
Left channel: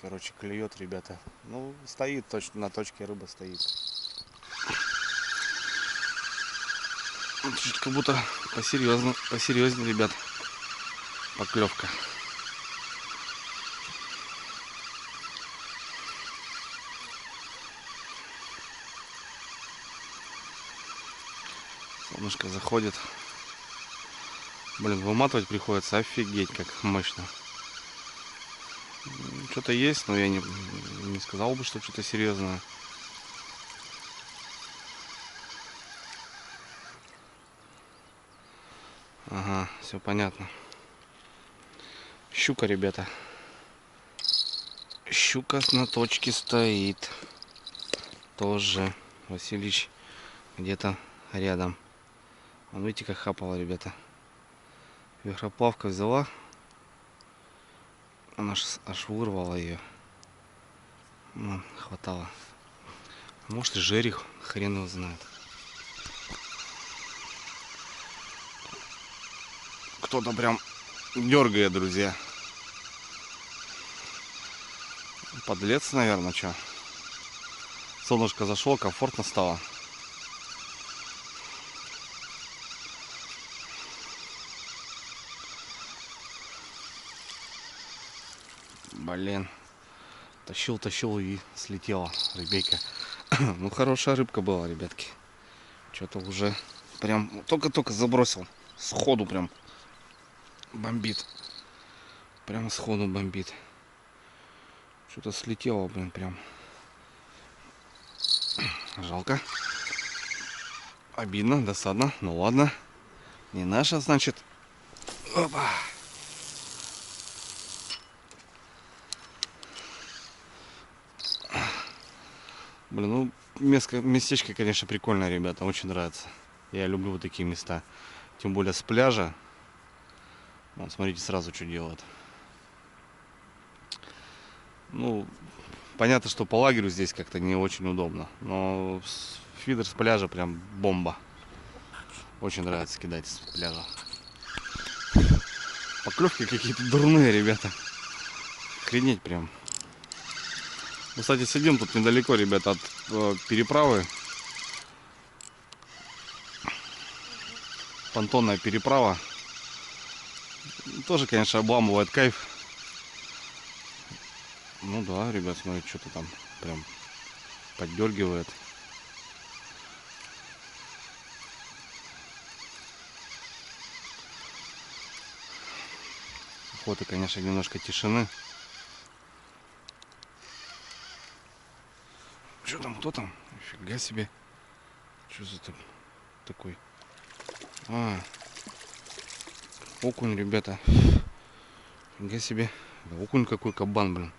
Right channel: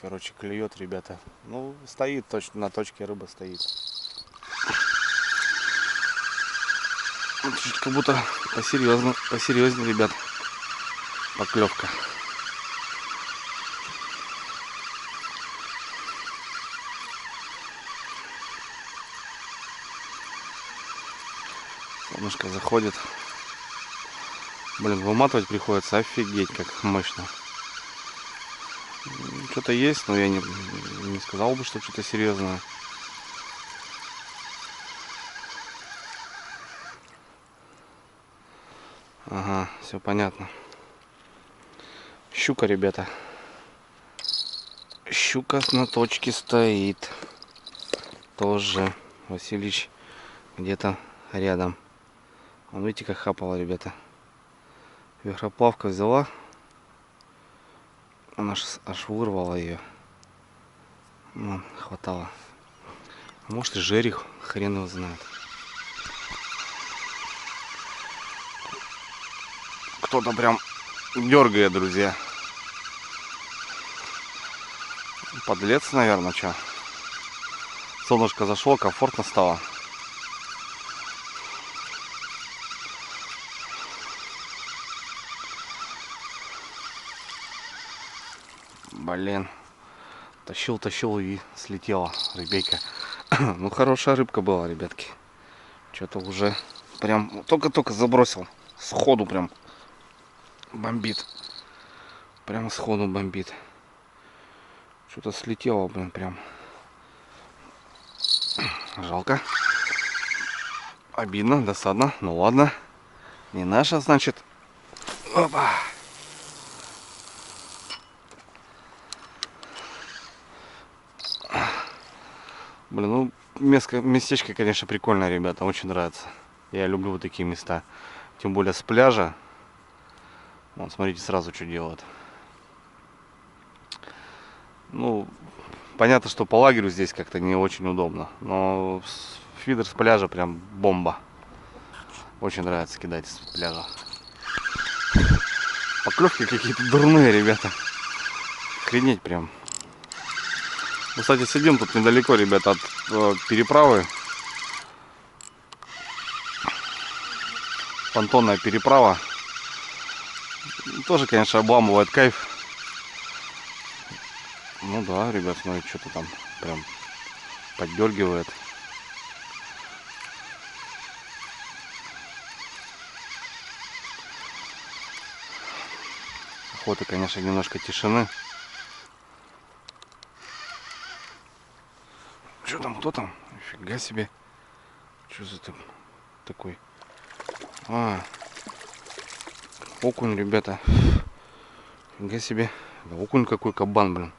Короче, клюет, ребята. Ну, стоит точно, на точке рыба стоит. Чуть как будто посерьезнее, ребят, поклевка. Солнышко заходит. Блин, выматывать приходится, офигеть, как мощно. Что-то есть, но я не сказал бы, что что-то серьезное. Ага, все понятно. Щука, ребята. Щука на точке стоит. Тоже Василич где-то рядом. Вон, видите, как хапала, ребята. Вихроплавка взяла. Она аж вырвала ее. Вон, хватало. Может и жерех, хрен его знает. Кто-то прям дергает, друзья. Подлец, наверное, что. Солнышко зашло, комфортно стало. Блин. Тащил и слетела рыбейка. Ну, хорошая рыбка была, ребятки. Что-то уже прям только-только забросил. Сходу прям бомбит. Прямо сходу бомбит. Что-то слетело, блин, прям. Жалко. Обидно, досадно. Ну ладно. Не наша, значит. Опа. Блин, ну местечко, конечно, прикольное, ребята, очень нравится. Я люблю вот такие места. Тем более с пляжа. Вон, смотрите, сразу что делают. Ну, понятно, что по лагерю здесь как-то не очень удобно. Но фидер с пляжа прям бомба. Очень нравится кидать с пляжа. Поклевки какие-то дурные, ребята. Охренеть прям. Мы, кстати, сидим тут недалеко, ребята, от переправы. Понтонная переправа. Тоже, конечно, обламывает кайф. Ну да, ребят, смотрите, что-то там прям поддергивает. Охота, конечно, немножко тишины. Что там, кто там? Нифига себе. Что за такой? А, окунь, ребята. Нифига себе. Да, окунь какой, кабан, блин.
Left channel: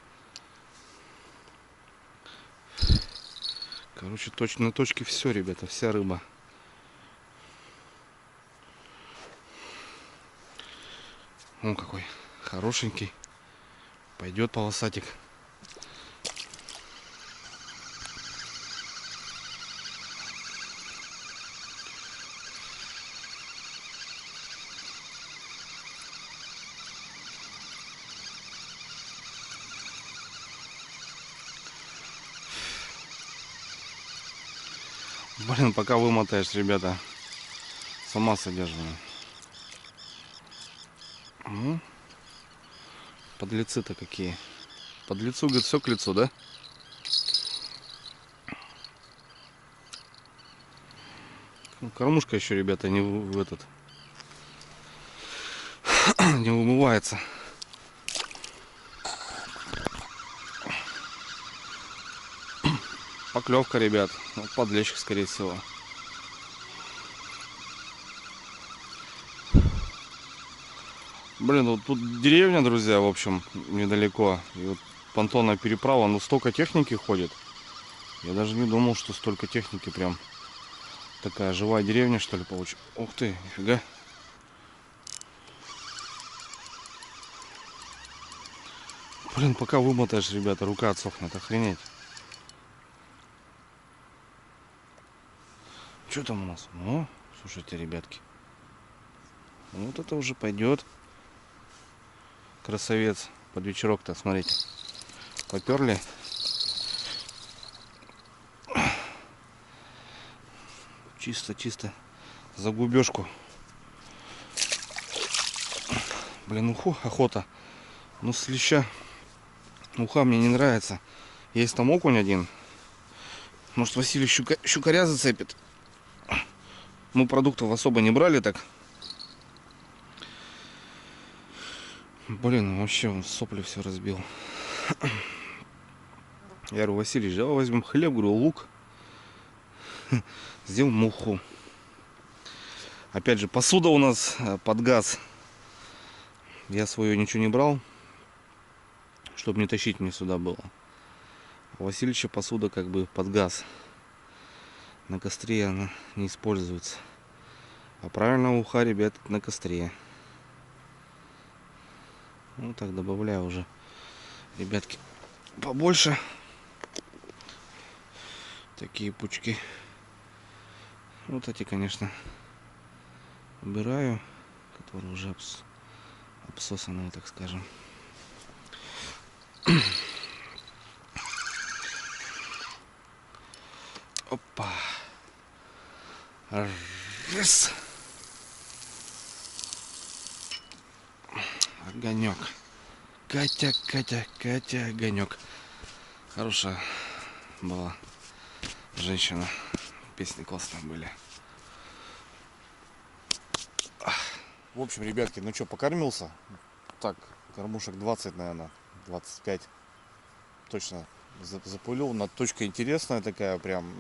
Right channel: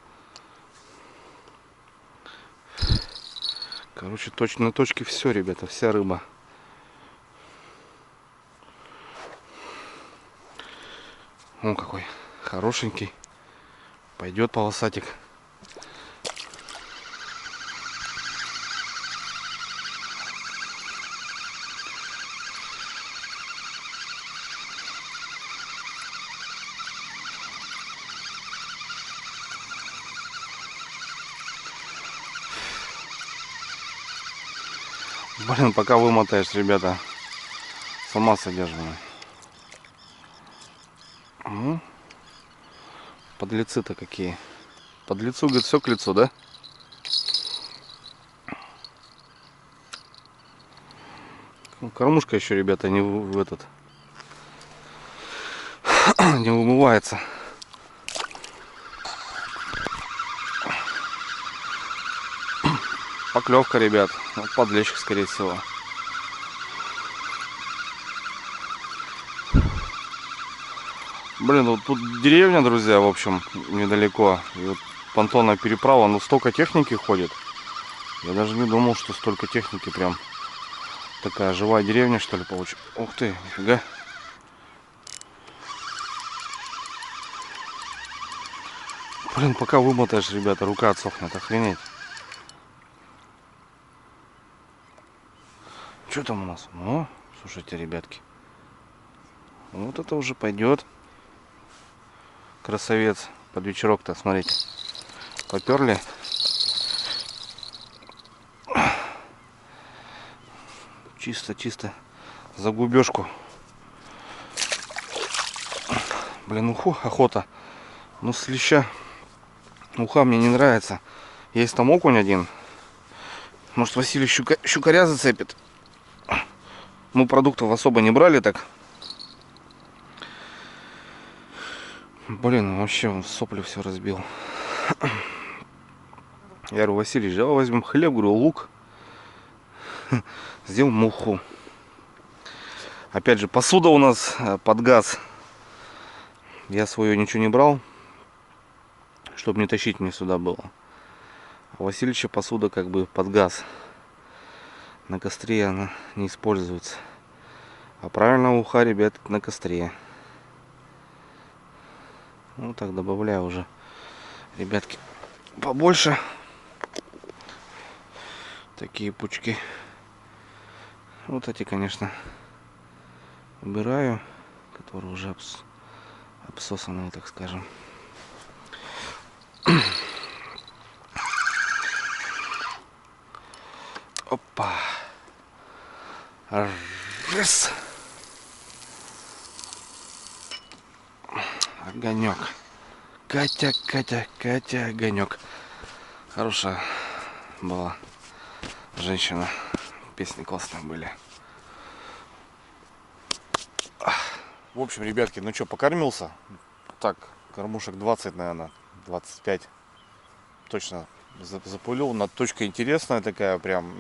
Короче, точно на точке все, ребята, вся рыба. Он какой хорошенький. Пойдет полосатик. Блин, пока вымотаешь, ребята, сама содержимое. Подлецы-то какие. Подлецу, говорит, все к лицу, да? Ну, кормушка еще, ребята, не в этот не вымывается. Поклевка, ребят. Вот подлещик, скорее всего. Блин, вот тут деревня, друзья, в общем, недалеко. И вот понтонная переправа, ну столько техники ходит. Я даже не думал, что столько техники прям. Такая живая деревня, что ли, получится. Ух ты, нифига. Блин, пока вымотаешь, ребята, рука отсохнет, охренеть. Что там у нас? Ну, слушайте, ребятки. Вот это уже пойдет. Красавец. Под вечерок-то, смотрите. Поперли. Чисто за губежку. Блин, уху, охота. Ну, с леща. Уха мне не нравится. Есть там окунь один. Может, Василий щукаря зацепит. Мы продуктов особо не брали так. Блин, вообще он сопли все разбил. Я говорю, Василий, давай возьмем хлеб, говорю, лук. Сделаем муху. Опять же, посуда у нас под газ. Я свою ничего не брал, чтобы не тащить мне сюда было. А Васильевича посуда как бы под газ. На костре она не используется. А правильно уха, ребят, на костре. Ну так добавляю уже, ребятки, побольше. Такие пучки. Вот эти, конечно, убираю, которые уже обсосанные, так скажем. Опа. Раз. Огонек. Катя, огонек. Хорошая была женщина. Песни классные были. В общем, ребятки, ну что, покормился? Так, кормушек 20, наверное, 25. Точно запулил. На точка интересная такая, прям.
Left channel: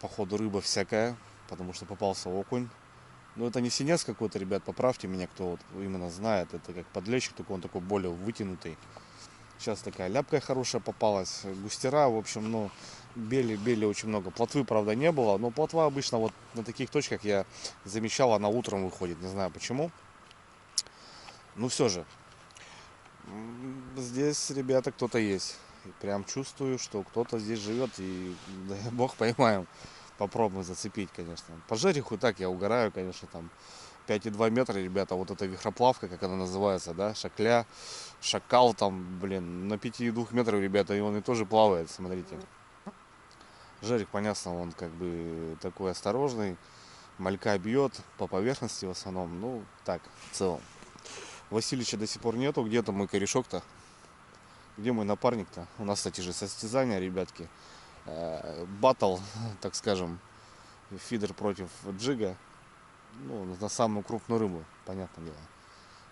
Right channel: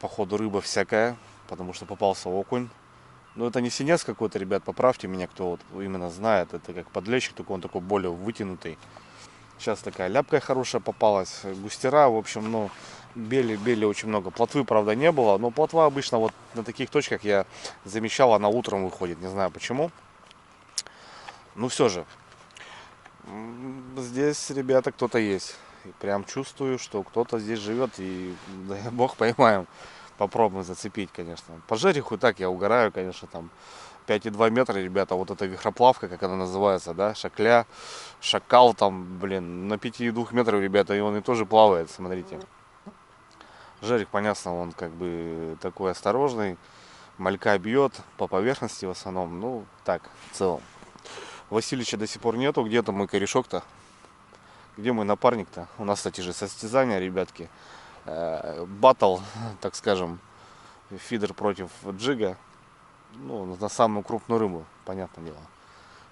Походу рыба всякая, потому что попался окунь. Но это не синец какой-то, ребят, поправьте меня, кто вот именно знает. Это как подлещик, только он такой более вытянутый. Сейчас такая ляпка хорошая попалась. Густера, в общем, ну, бели очень много. Плотвы, правда, не было. Но плотва обычно вот на таких точках я замечал, она утром выходит. Не знаю почему. Ну все же. Здесь, ребята, кто-то есть. И прям чувствую, что кто-то здесь живет. И дай бог поймаем. Попробуем зацепить, конечно. По жереху так я угораю, конечно, там 5,2 метра, ребята, вот эта вихроплавка, как она называется, да, шакля, шакал там, блин, на 5,2 метров, ребята, и он и тоже плавает, смотрите. Жерех, понятно, он как бы такой осторожный, малька бьет по поверхности в основном, ну, так, в целом. Васильевича до сих пор нету, где-то мой корешок-то, где мой напарник-то? У нас, кстати же, состязания, ребятки, баттл, так скажем, фидер против джига, ну, на самую крупную рыбу, понятное дело.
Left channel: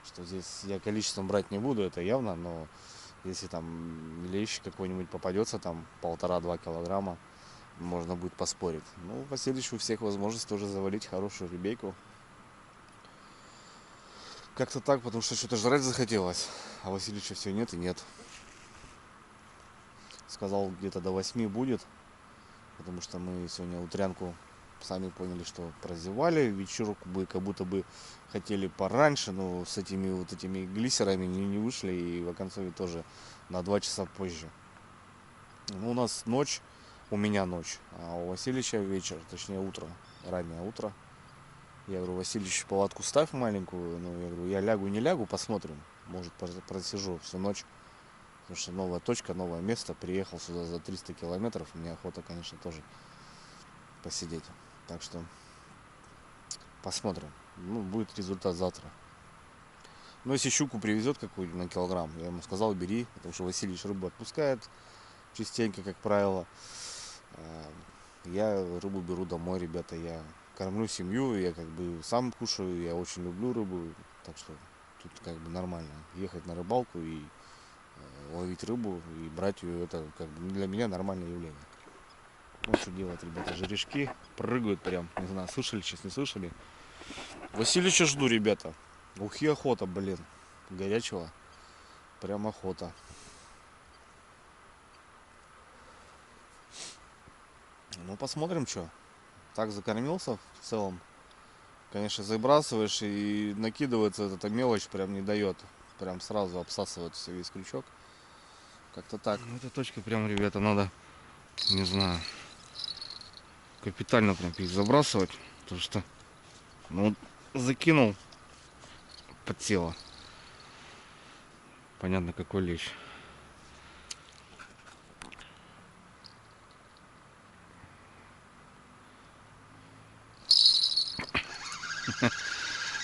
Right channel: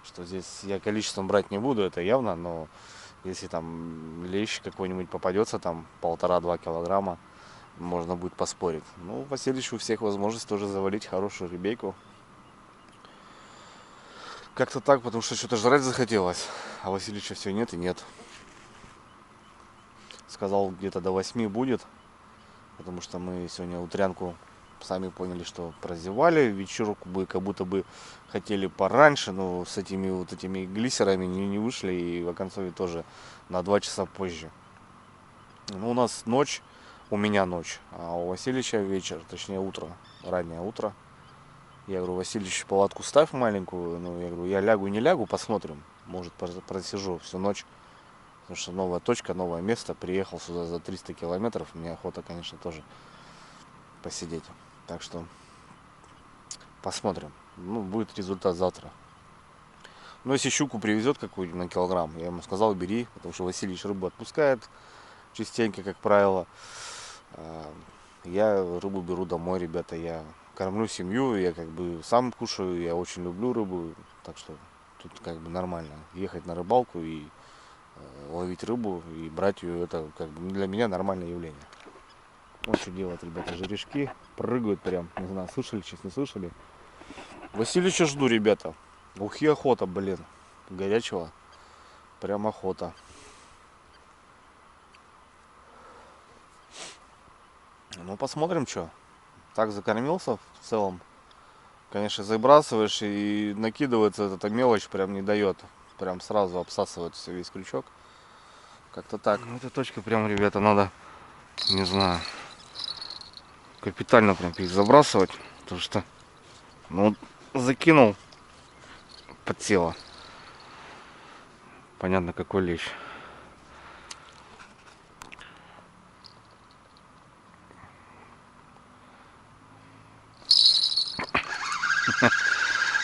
Что здесь я количеством брать не буду, это явно, но если там лещ какой-нибудь попадется, там 1,5-2 килограмма, можно будет поспорить. Ну, Васильевич у всех возможность тоже завалить хорошую ребейку. Как-то так, потому что что-то жрать захотелось, а Васильевича все нет и нет. Сказал, где-то до 8 будет, потому что мы сегодня утрянку, сами поняли, что прозевали. Вечерку бы как будто бы хотели пораньше, но с этими вот этими глиссерами не вышли, и в оконцове тоже на 2 часа позже. Ну, у нас ночь, у меня ночь, а у Васильевича вечер, точнее утро, раннее утро. Я говорю, Васильевич, палатку ставь маленькую. Ну, я говорю, я лягу, не лягу, посмотрим. Может, просижу всю ночь. Потому что новая точка, новое место. Приехал сюда за 300 километров. Мне охота, конечно, тоже посидеть. Так что посмотрим. Ну, будет результат завтра. Но если щуку привезет какую-нибудь на килограмм, я ему сказал, бери. Потому что Васильевич рыбу отпускает частенько, как правило. Я рыбу беру домой, ребята. Я кормлю семью, я как бы сам кушаю, я очень люблю рыбу. Так что тут как бы нормально. Ехать на рыбалку и ловить рыбу и брать ее, это как бы для меня нормальное явление. Вот что делают, ребята, жерешки. Прыгают прям, не знаю, слышали, сейчас не слышали. Васильевича жду, ребята. Ухи охота, блин. Горячего. Прям охота. Ну, посмотрим, что. Так закормился в целом. Конечно, забрасываешь и накидывается эта мелочь, прям не дает. Прям сразу обсасывает все, весь крючок. Как-то так. Ну, эта точка прям, ребята, надо, не знаю, капитально прям забрасывать. Потому что, ну, закинул, подсела. Понятно, какой лещ.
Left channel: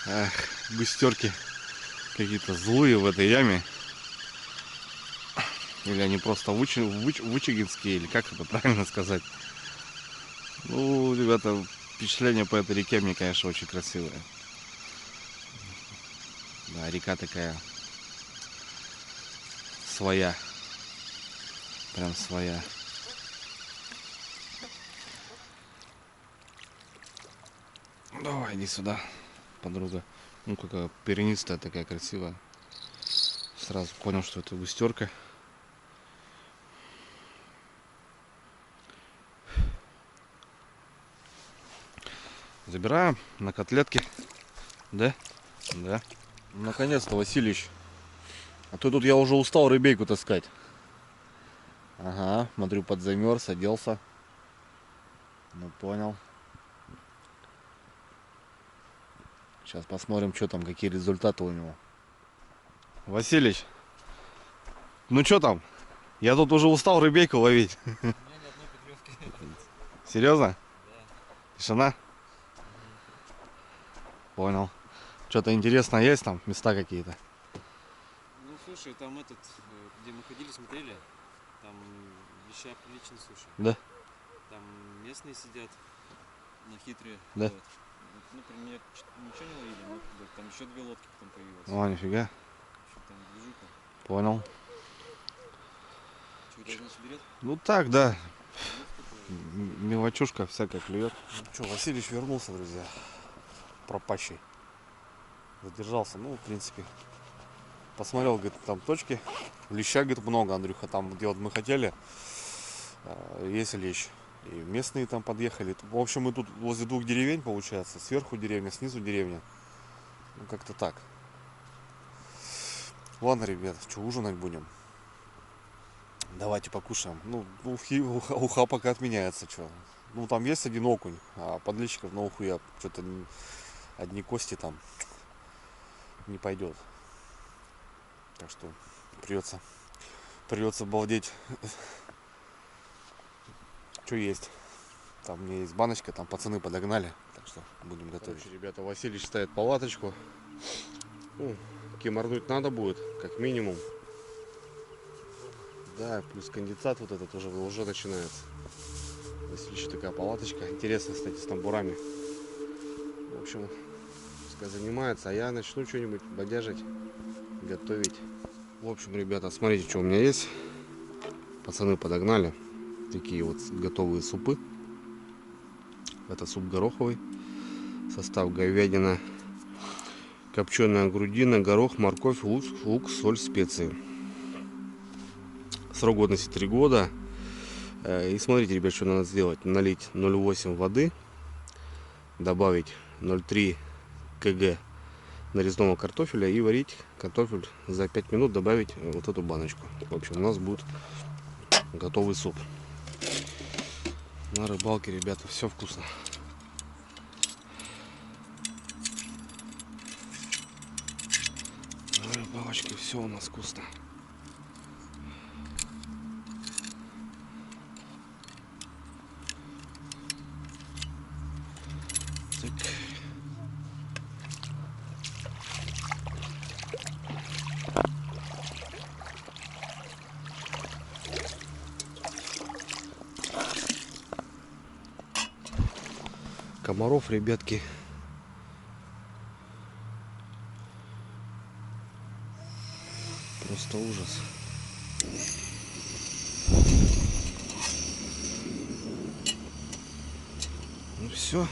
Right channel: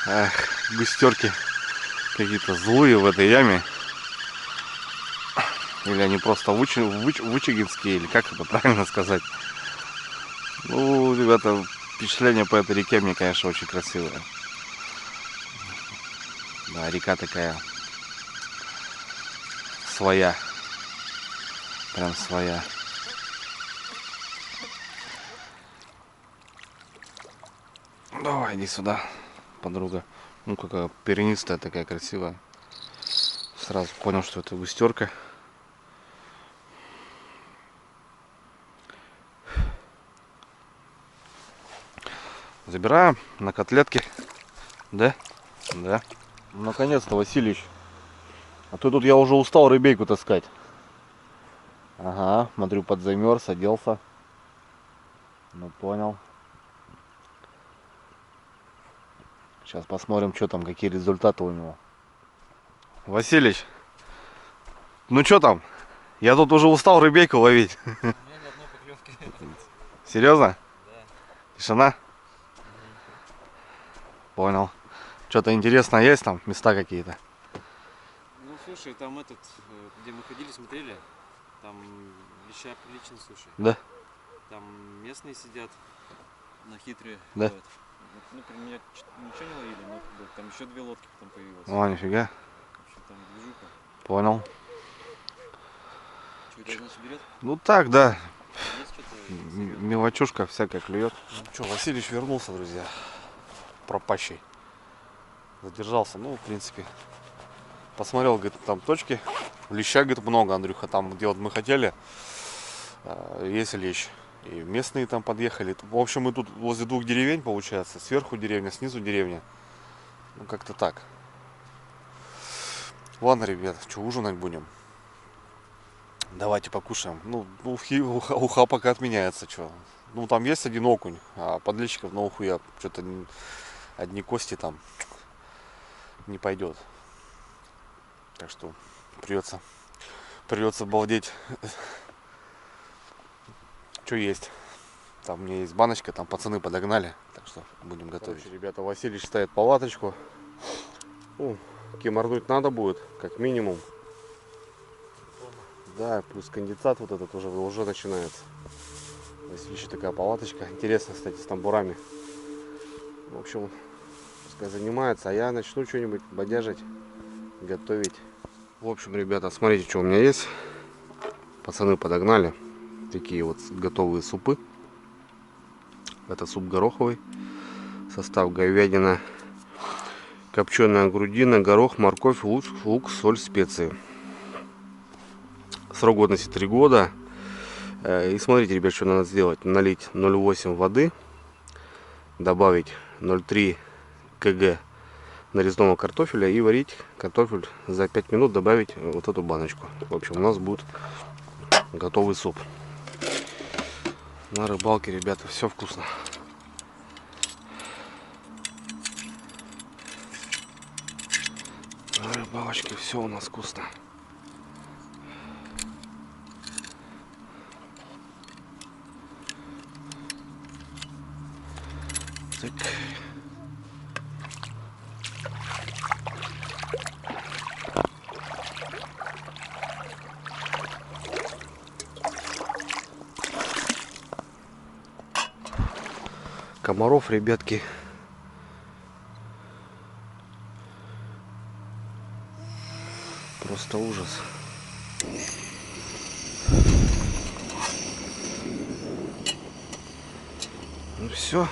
Эх, густерки какие-то злые в этой яме. Или они просто вычегинские, или как это правильно сказать. Ну, ребята, впечатление по этой реке мне, конечно, очень красивое. Да, река такая своя. Прям своя. Давай, иди сюда, подруга. Ну, какая перенистая, такая красивая. Сразу понял, что это густерка. Забираем на котлетки. Да? Да. Наконец-то, Васильевич. А то тут я уже устал рыбейку таскать. Ага, смотрю, подзамерз, оделся. Ну, понял. Сейчас посмотрим, что там, какие результаты у него. Васильевич, ну что там? Я тут уже устал рыбейку ловить. У меня ни одной поклевки. Серьезно? Да. Тишина? Понял. Что-то интересное есть там? Места какие-то? Ну, слушай, там этот, где мы ходили, смотрели, там веща прилично, слушай. Да? Там местные сидят на хитрые. Да. Вот. Ну, при мне ничего не ловили, но там еще 2 лодки потом появилось. О, нифига. В общем, там движуха. Понял. Что, тебя, значит, берет? Ну так, да. Есть что-то? Мелочушка всякая клюет. Ну что, Васильевич вернулся, друзья. Пропащий. Задержался. Ну, в принципе, Посмотрел, говорит, там точки. Леща, говорит, много, Андрюха. Там, где вот мы хотели, есть лещ. И местные там подъехали. В общем, мы тут возле двух деревень, получается. Сверху деревня, снизу деревня. Ну, как-то так. Ладно, ребят, что, ужинать будем? Давайте покушаем. Ну, уха пока отменяется, что. Ну, там есть один окунь, а подлещиков на уху я что-то одни кости там не пойдет. Так что придется балдеть. Что есть? Там у меня есть баночка, там пацаны подогнали, так что будем готовить. Короче, ребята, Василий ставит палаточку. Ну, киморнуть надо будет, как минимум. Да, плюс конденсат вот этот уже начинается. Василий такая палаточка. Интересно, кстати, с тамбурами. В общем, пускай занимается, а я начну что-нибудь бодяжить, готовить. В общем, ребята, смотрите, что у меня есть. Пацаны подогнали такие вот готовые супы. Это суп гороховый. Состав: говядина, копченая грудина, горох, морковь, лук, соль, специи. Срок годности 3 года. И смотрите, ребят, что надо сделать. Налить 0,8 воды, добавить 0,3 кг нарезного картофеля и варить картофель за 5 минут, добавить вот эту баночку. В общем, у нас будет готовый суп. На рыбалке, ребята, все вкусно. На рыбалочке все у нас вкусно. Так. Комаров, ребятки, просто ужас. Ну все,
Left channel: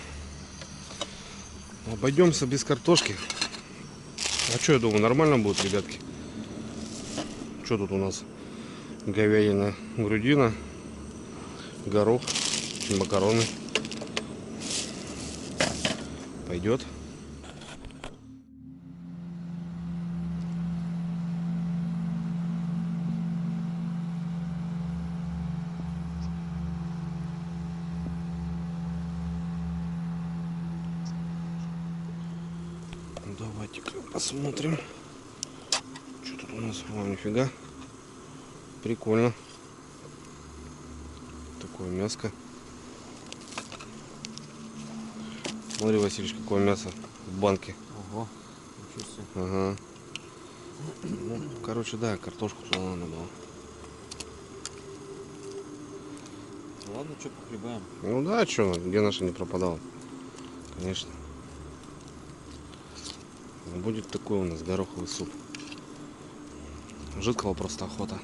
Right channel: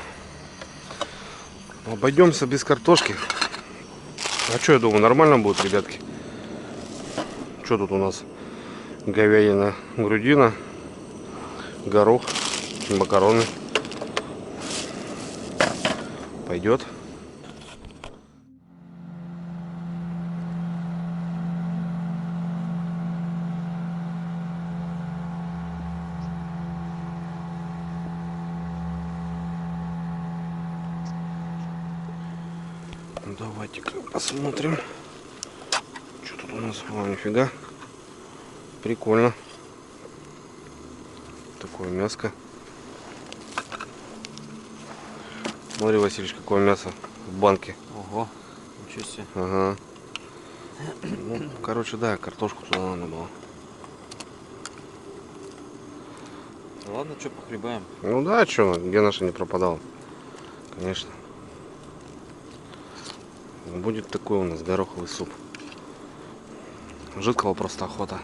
обойдемся без картошки. А что, я думаю, нормально будет, ребятки. Что тут у нас? Говядина, грудина, горох, макароны. Пойдет. Давайте-ка посмотрим, что тут у нас. О, нифига, прикольно. Такое мяско. Смотри, Василий, какое мясо в банке. Ого, ничего себе. Ага. Ну, короче, да, картошку туда надо было. Ладно, что, похлебаем. Ну да, что, где наша не пропадала. Конечно. Будет такой у нас гороховый суп. Жидкого просто охота.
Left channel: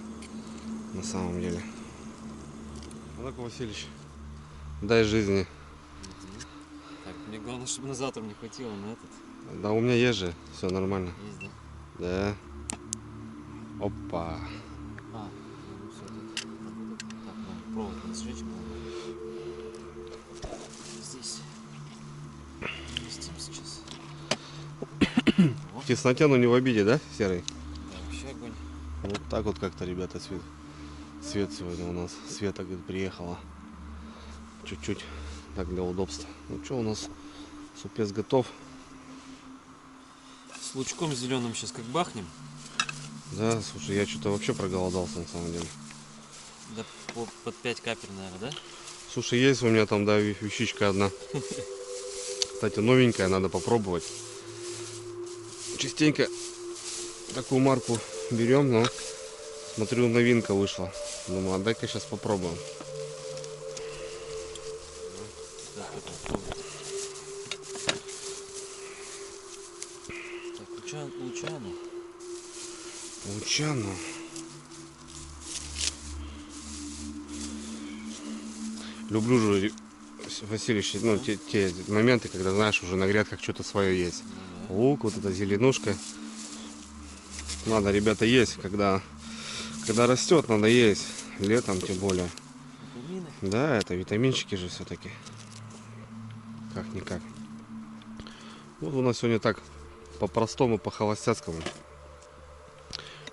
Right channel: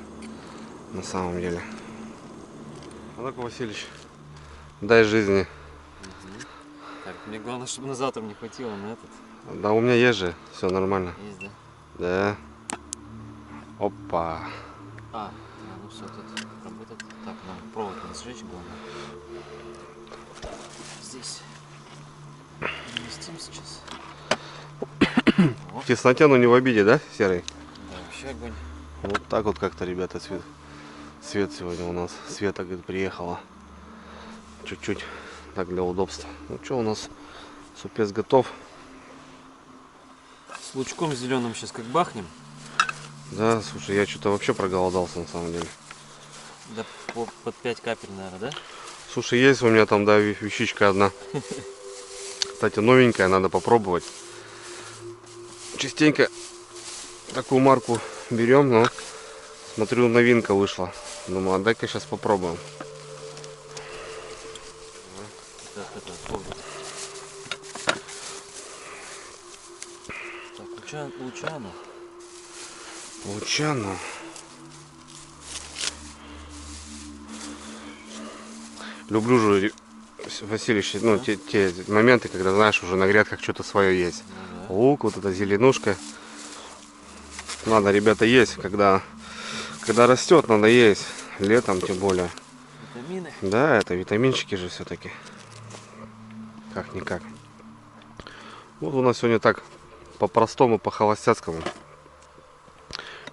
На самом деле. А ну-ка, Васильевич, дай жизни. Так, мне главное, чтобы на завтра не хватило на этот. Да у меня есть же, все нормально. Есть, да? Да. Опа. Ну все, тут работает. Так, нам провод не сжечь, главное. Здесь. Вместим сейчас. В тесноте, но не в обиде, да, Серый? Да, вообще огонь. Вот так вот как-то, ребята, свет сегодня у нас. Света, говорит, приехала. Чуть-чуть так для удобства. Ну что, у нас супец готов. С лучком зеленым сейчас как бахнем. Да, слушай, я что-то вообще проголодался на самом деле. Да под 5 капель, наверное, да? Слушай, есть у меня там, да, вещичка одна. Кстати, новенькая, надо попробовать. Частенько такую марку берем, но смотрю, новинка вышла. Думаю, а дай-ка сейчас попробуем. Так, Лучано. Лучано. Люблю же, Васильевич, ну, те моменты, когда, знаешь, уже на грядках что-то свое есть. Ну, да. Лук, вот эта зеленушка. Надо, ребята, есть, когда растет, надо есть. Летом тем более. Витамины. Да, это витаминчики же все-таки. Как-никак. Вот у нас сегодня так по-простому, по-холостяцкому.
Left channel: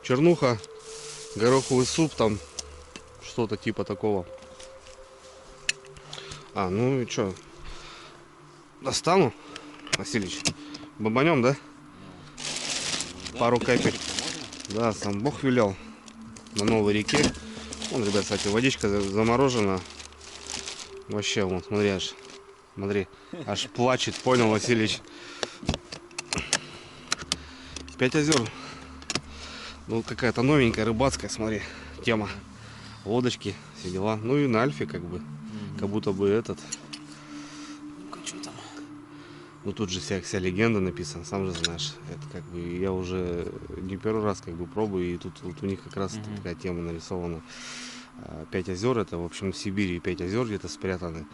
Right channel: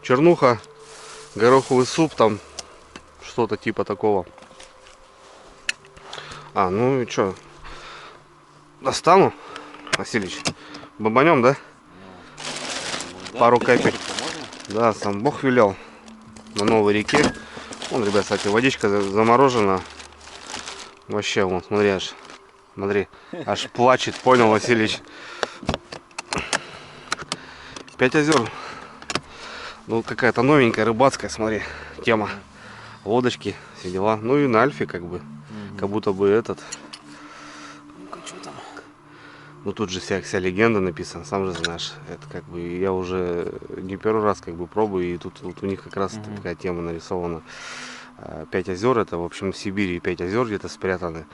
Чернуха, гороховый суп, там что-то типа такого. Ну и что? Достану, Васильевич? Бомбанем, да? Да, Пару 5 капель. капель можно? Да, сам Бог велел. На новой реке. Вон, ребят, кстати, водичка заморожена. Вообще, вон, смотри, аж плачет, понял, Васильевич? 5 озер. Ну, какая-то новенькая, рыбацкая, смотри, тема. Лодочки, все дела. Ну и на Альфе, как бы, как будто бы этот. Ну-ка, что там? Ну, тут же вся легенда написана, сам же знаешь. Это как бы, я уже не первый раз как бы пробую, и тут вот у них как раз такая тема нарисована. 5 озер, это, в общем, в Сибири 5 озер где-то спрятаны.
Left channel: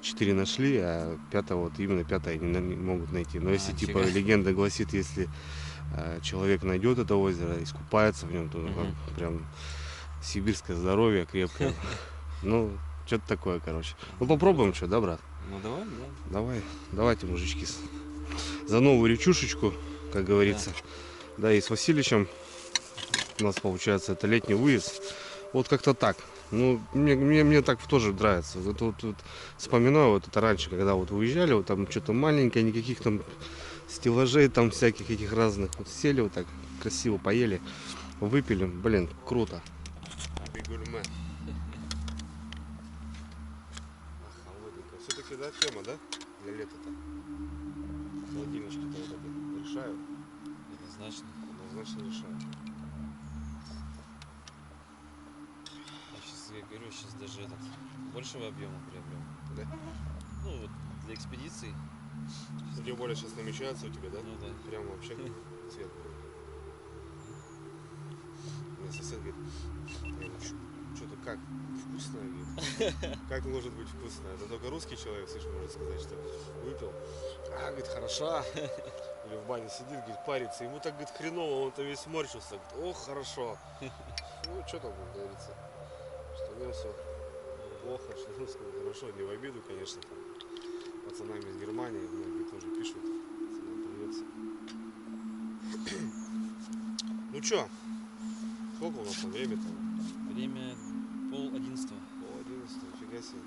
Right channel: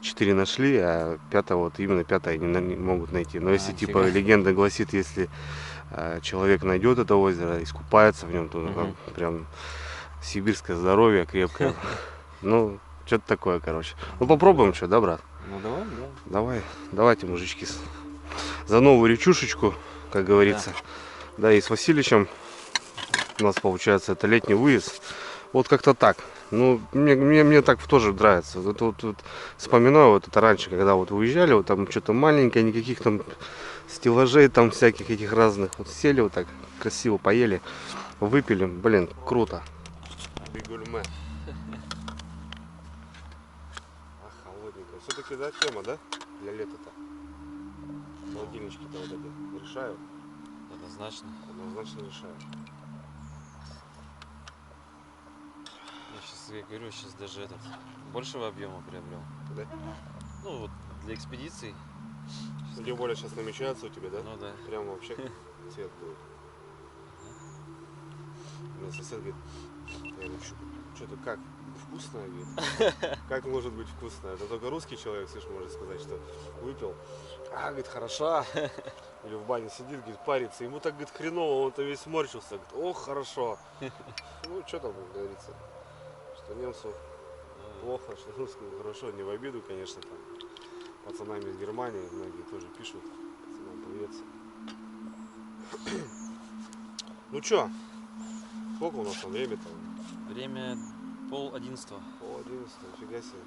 4 нашли, а пятое, вот именно пятое не могут найти. Но если, типа, нифига. легенда гласит, если человек найдет это озеро, искупается в нем, то там прям сибирское здоровье крепкое. Ну, что-то такое, короче. Ну, попробуем, что, да, брат? Ну давай, да. Давайте, мужички, за новую речушечку, как говорится. Да, и с Васильевичем у нас, получается, это летний выезд. Вот как-то так. Ну, мне так тоже нравится. Вот вспоминаю, вот это раньше, когда вот выезжали, вот там что-то маленькое, никаких там стеллажей, там всяких этих разных. Вот сели вот так, красиво поели, выпили. Блин, круто. Бигульме. Холодненько. Все-таки, да, тема, да? Для лета-то. Холодильнички-то вот эти решают. Однозначно. Однозначно решают. Я говорю, сейчас даже этот большего объема приобрел. Да? Ну вот для экспедиций. Ну, тем более сейчас намечается у тебя, да? Ну да. Прям вообще цвет будет. У меня сосед говорит, я говорю, что-то как? Вкусное, говорит. Как может быть вкусное? Это только русский человек, слышишь, может сказать, что выпил. Говорит, хороша. Или в бане сидит, говорит, парится. Ему так, говорит, хреново, он-то весь морщился. Говорит, ох, хорошо. Ну, что там говорится? Что немцу плохо, что русскому хорошо. Не в обиду, конечно, там. Пацанам из Германии многие тоже пишут. Пацанам привет. Ну чё? Сколько у нас там время-то? Время 10:30. 10:30, фига себе.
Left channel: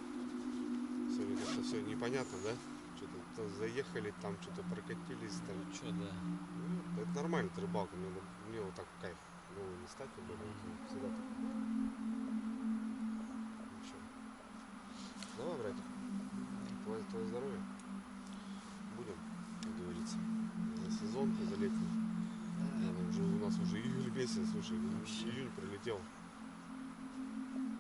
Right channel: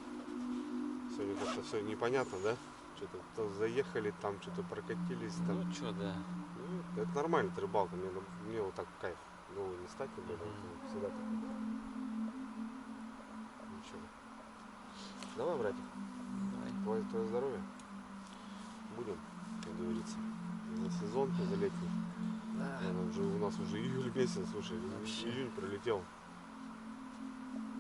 Сегодня как-то все непонятно, да? Что-то то заехали, там что-то прокатились. Там. Ну чё, да. Ну, это нормально, это рыбалка. Мне вот так кайф. Голову не стать, тем более. Это всегда так. Ну чё? Давай, братик. Давай. Твое здоровье. Будем, как говорится. За сезонку, за летний. Да. У нас уже июль месяц, слушай, Вообще. июнь пролетел.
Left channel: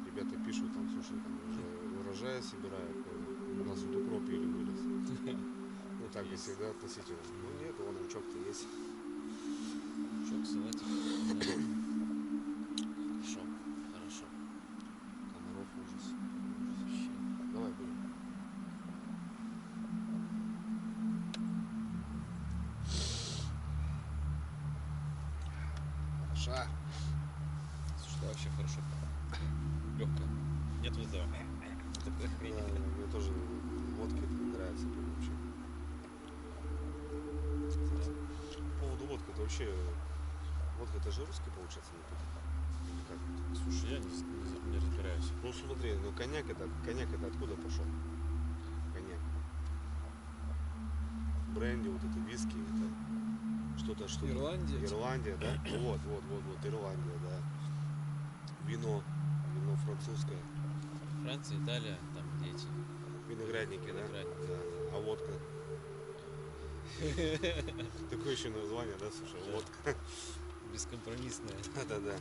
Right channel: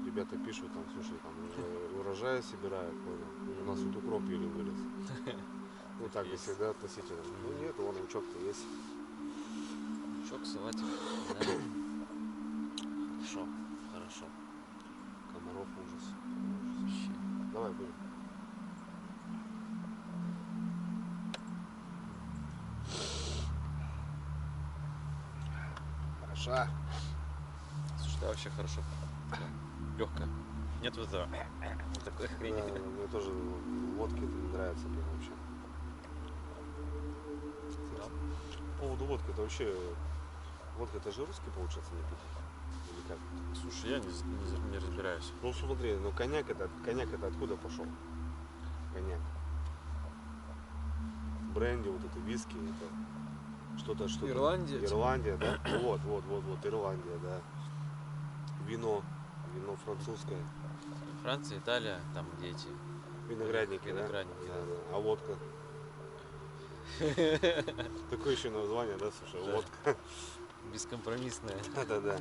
Ребята пишут там, слушай, там уже урожай собирают, понял. У нас тут укроп еле вылез. Ну так, если да, относительно. Ну нет, вон лучок-то есть. Лучок, салатик. Да. Хорошо, хорошо. Комаров ужас. Вообще. Давай будем. Хороша. Слушай, да, вообще хорошо. Легкая. Нет вот этого. Вот такой хрени. Да, мне тоже водки это не нравится прям вообще. Кстати, по поводу водки, это вообще водка это же русский получается напиток? Или как? Слушай, я не разбираюсь. Ну смотри, ну коньяк это откуда пошел? Коньяк. Бренди, вот это виски, это что-то. Ирландия. Ирландия, да? Вот, Ирландия, да. Вино французское. Франция, Италия, там где эти. Виноградники, Виноградники. да? Да. А водка? Такое еще название, да, слушай, Да. водка. Бескомпромиссная. Да.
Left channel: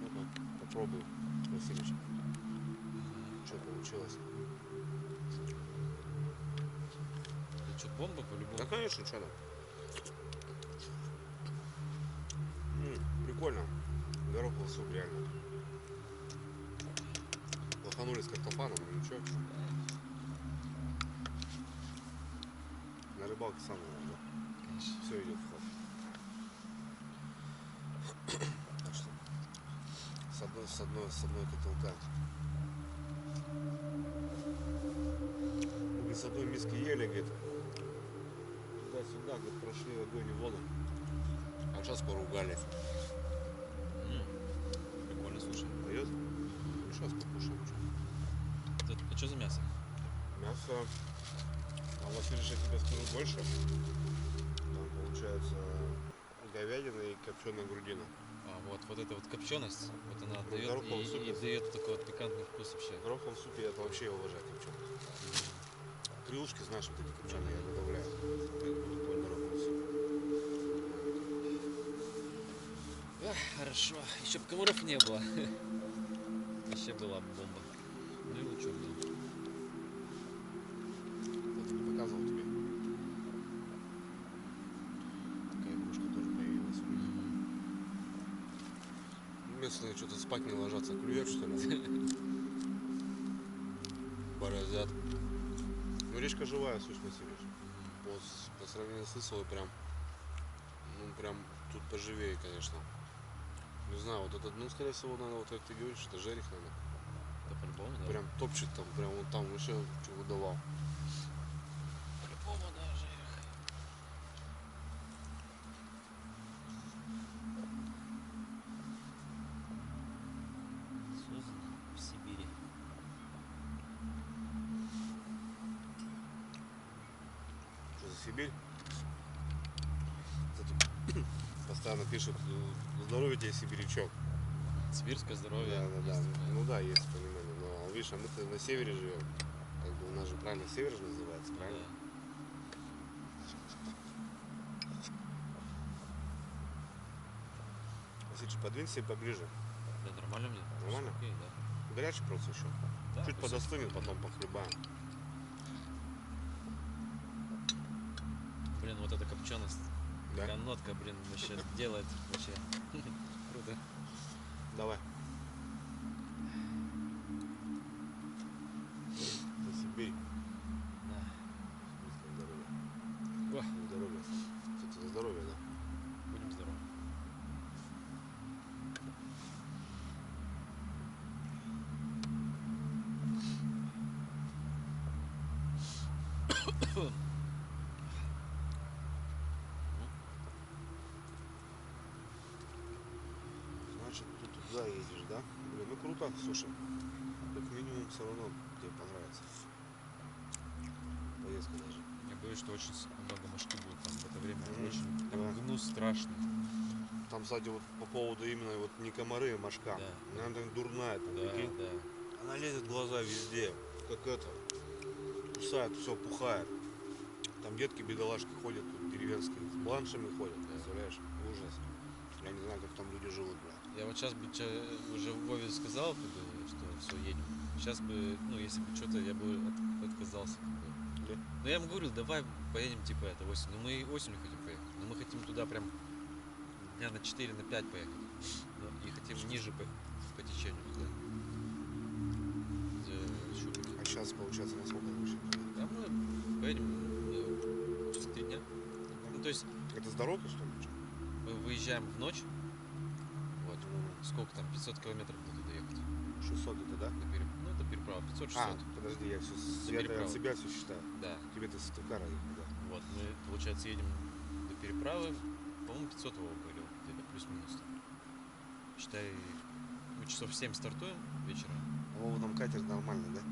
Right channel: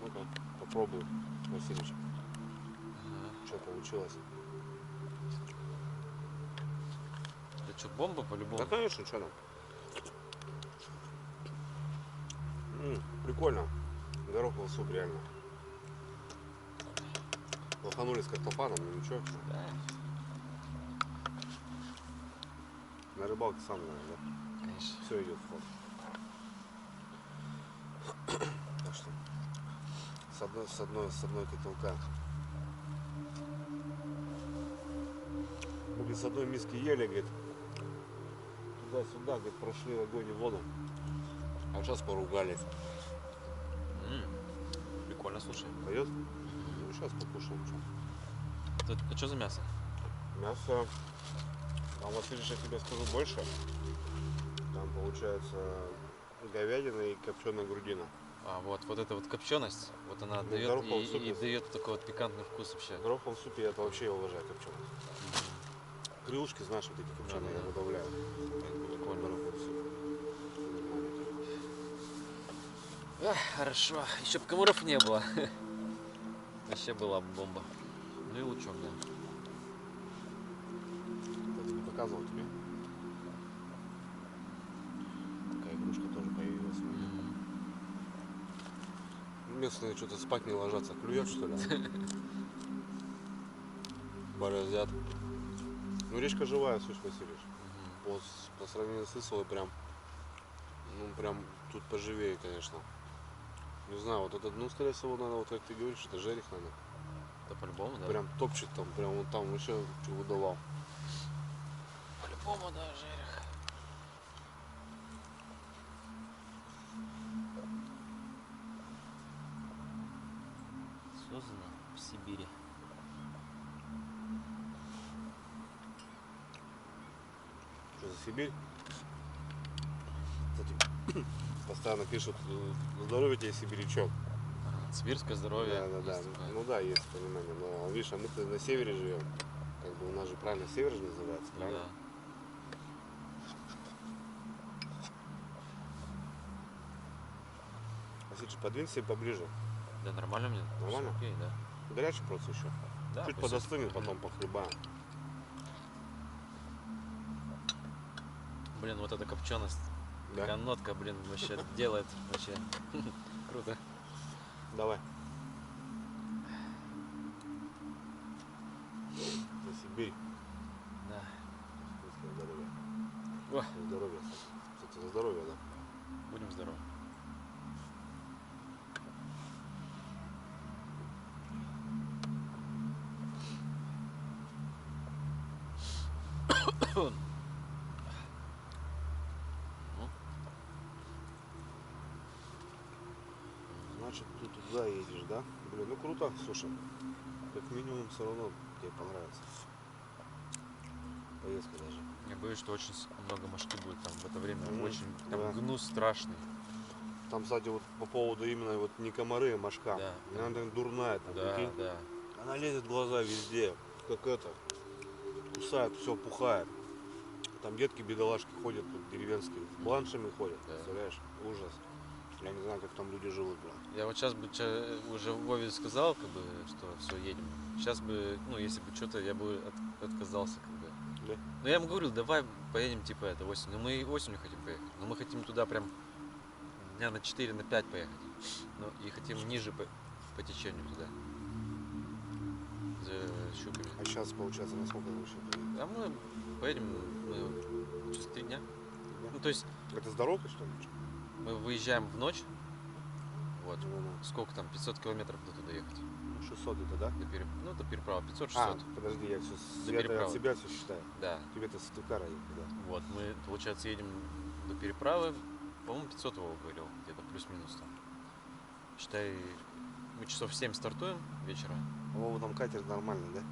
Ну-ка, попробуй, Васильевич, Ага. что получилось. Это что, бомба по-любому? Да, конечно, что там. Прикольно. Гороховый суп, реально. Лоханули с картофаном, ну ничего, что. Да, На рыбалке сам знаешь, да? конечно. Все идет в ход. Так что с одной котелка. Мы, говорит, с одной миски ели, говорит, туда-сюда, говорит, прошли в огонь и воду. А сейчас поругались. Прикольно, слушай. Пойдет? Ну, сейчас покушаем. Что. Это что за мясо? Мясо. Там, Васильевич, я тебе скажу больше. Там получается говядина и копченая грудина. А, вот эта вот копченость, вот она Ну, дает гороховый и суп, дает такой вот пикантный вкус вообще. В гороховом супе я это вообще уважаю копченость. Крылышки, знаешь, вот эти копченые я добавляю. Это будет такой гороховый суп. Нормально тема. Ах, хорошо. Еще бы комаров не было. Вообще была бы бомба. Ну и лучок, да. Кстати, не показывал тебе. Такая игрушка тоже появилась у меня. Местные что-то спать не ложатся. Клюет, что ли? Бороздят. Ну, речка живая, Суть Васильевич. По сравнению с Исовой прям, ну, прям тут поживее, конечно. Не знаю, вот это, ну, скорее всего, наверное, вот как ты говоришь, это жерех, наверное. Да по-любому, да. Прям топчет там, прям вот там вообще что выдавал. По-любому, да, жерех. Создано в Сибири. Что за Сибирь? Кстати, постоянно пишут, здоровье тебе, сибирячок. Ага. Сибирское здоровье. Да. Есть такое. Ну да, есть понимание. Но видишь, а мы-то на севере живем. Как бы у нас же правильно север же называется, Ну правильно? да. Васильевич, подвинь себе поближе. Да, нормально мне? Нормально? Всё окей, да. Горячий просто еще. Да, Чуть пусть подостынет, остынет. потом похлебаем. Блин, вот эта копченость. Да? Такая нотка, блин, вообще делает вообще круто. Давай. За Сибирь. Да. Сибирское здоровье. О, За здоровье. Кстати, за здоровье, да. будем здоровы. Значит, ты туда едешь, да? Блин, ну круто, слушай. Как минимум все равно тебе понравится. Поездка даже. Я боюсь, что очень много мошки будет там в это время. Мгм. Очень там Да. гнус страшный. Там, кстати, вот по поводу именно вот не комары, а мошка. Да. Она там дурная, там, Да, прикинь. да. Она лезет в глаза везде, как это. Кусает, все пухает. Там детки бедолашки ходят тут деревенские, с бланшами ходят, Да. представляешь? Ужас. Я не знаю, как там люди живут, брат. Я вот сейчас бы уже Вове сказал, как бы, что все, едем. Сейчас бы, ну, если бы что-то, я бы отказался, как бы. Да? Но я ему говорил, давай поедем, типа, это осень. Ну, мы и осенью хотим поехать. Но мы хотим туда прям дня на 4, на 5 поехать. Ну, и хотим ниже по течению туда. За щуками. А сейчас, получается, на сколько вы вообще поедете? А мы поедем через 3 дня. Да? Ну, то есть Это с дорогой, что ли? Чё? мы выезжаем в ночь. Вот. Ну, Сколько там? 500 километров до туда ехать. ну, 600 где-то, да? Ну, до переправы. 500-600. А, подожди, я все переправы. от себя все считаю. Да. Тебе-то с Тукара ехать, да? Вот. Мы, получается, едем до переправы. По-моему, 500 его говорил. Где-то плюс-минус там. Считай, мы часов в 7 стартуем вечера. А Вова там катер нормальный, да?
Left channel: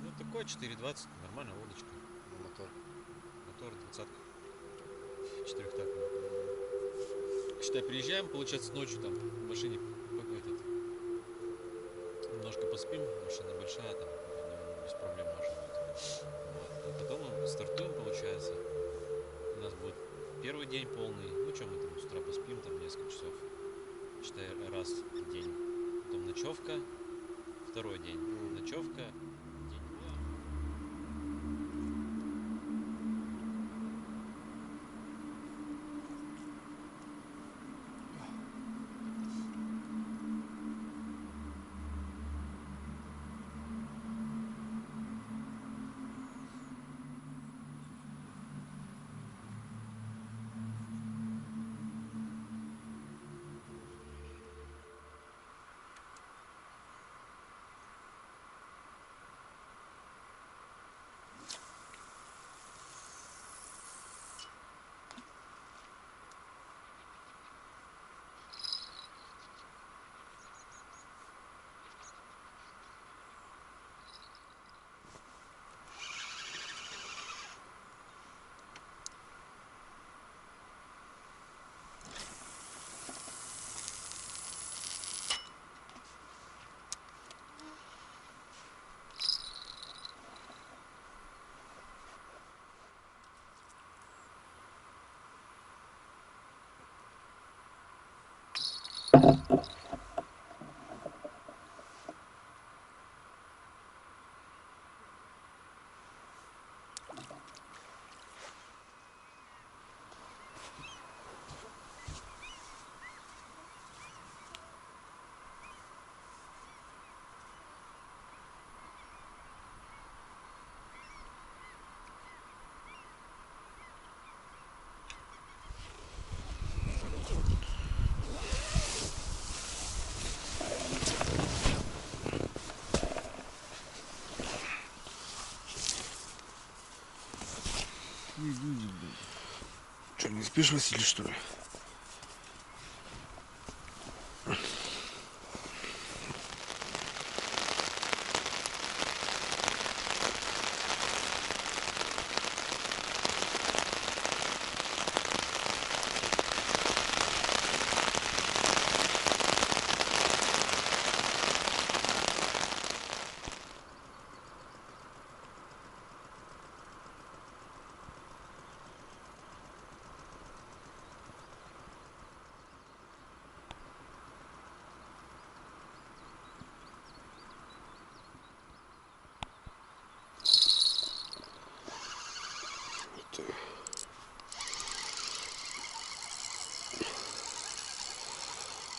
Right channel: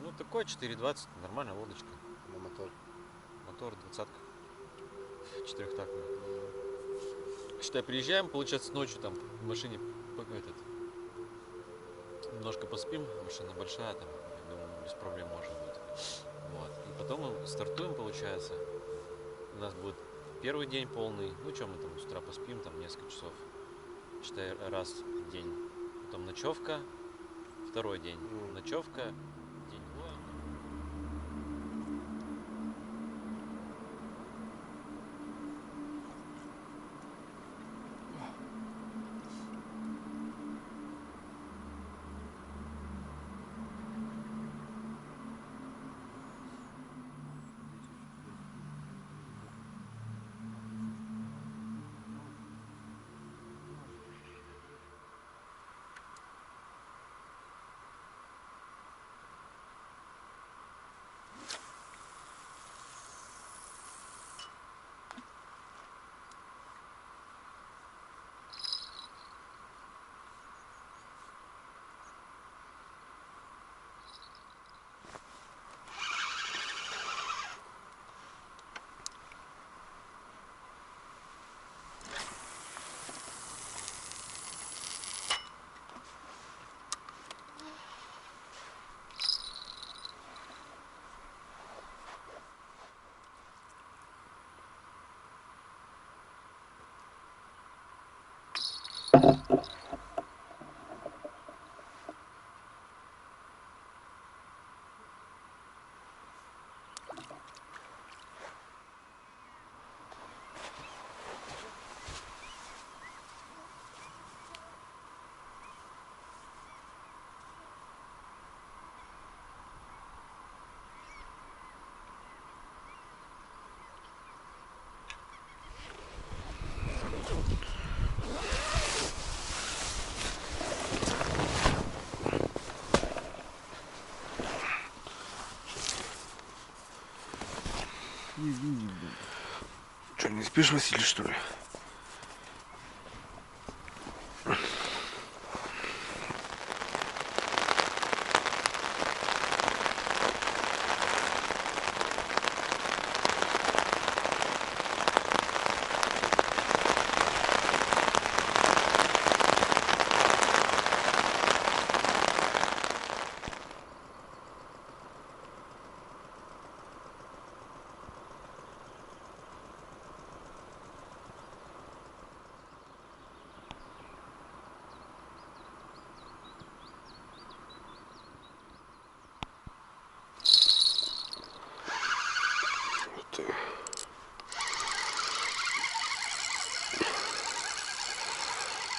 Ну, такой 4.20. Нормальная лодочка. На мотор. Мотор 20-ка. Четырехтактный. Считай, приезжаем, получается, ночью там в машине немножко поспим, машина большая, там, я думаю, без проблем можно будет. Вот. И потом мы стартуем, получается. У нас будет первый день полный. Ну что, мы там с утра поспим, там несколько часов. Считай, раз в день. Потом ночевка, второй день. Ночевка, день. Что, не спишь, Василий, что ли?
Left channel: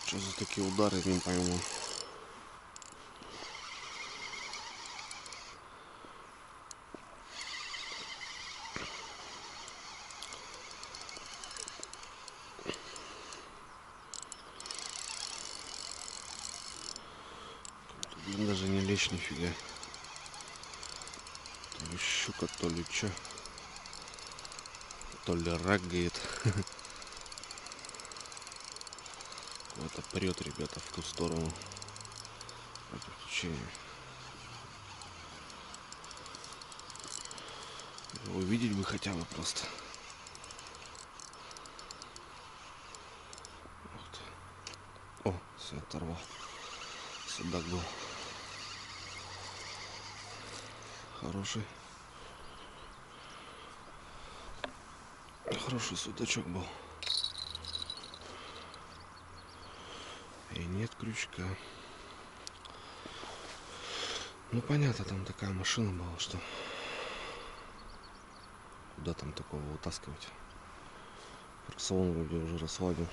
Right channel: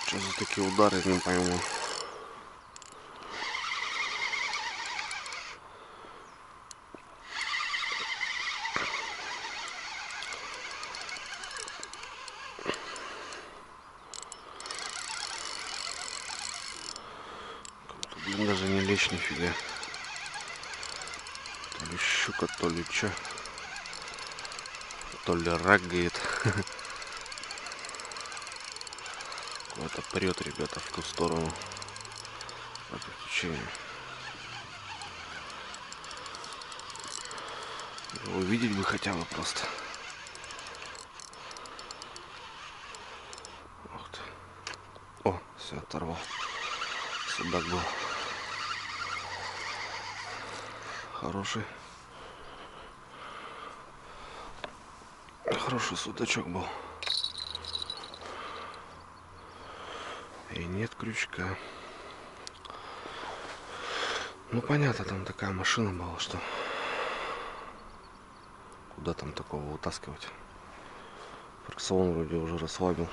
Что за такие удары, не пойму. Блин, даже не лечь нифига. То ли щука, то ли чё. То ли рак говорит. Куда-то прет, ребята, в ту сторону. По течению. Увидеть бы хотя бы просто. Ух ты. О, все, оторвал. Судак был. Хороший. Хороший судачок был. И нет крючка. Ну понятно, там такая машина была, что куда там такого вытаскивать. Фрикцион вроде уже расслабил.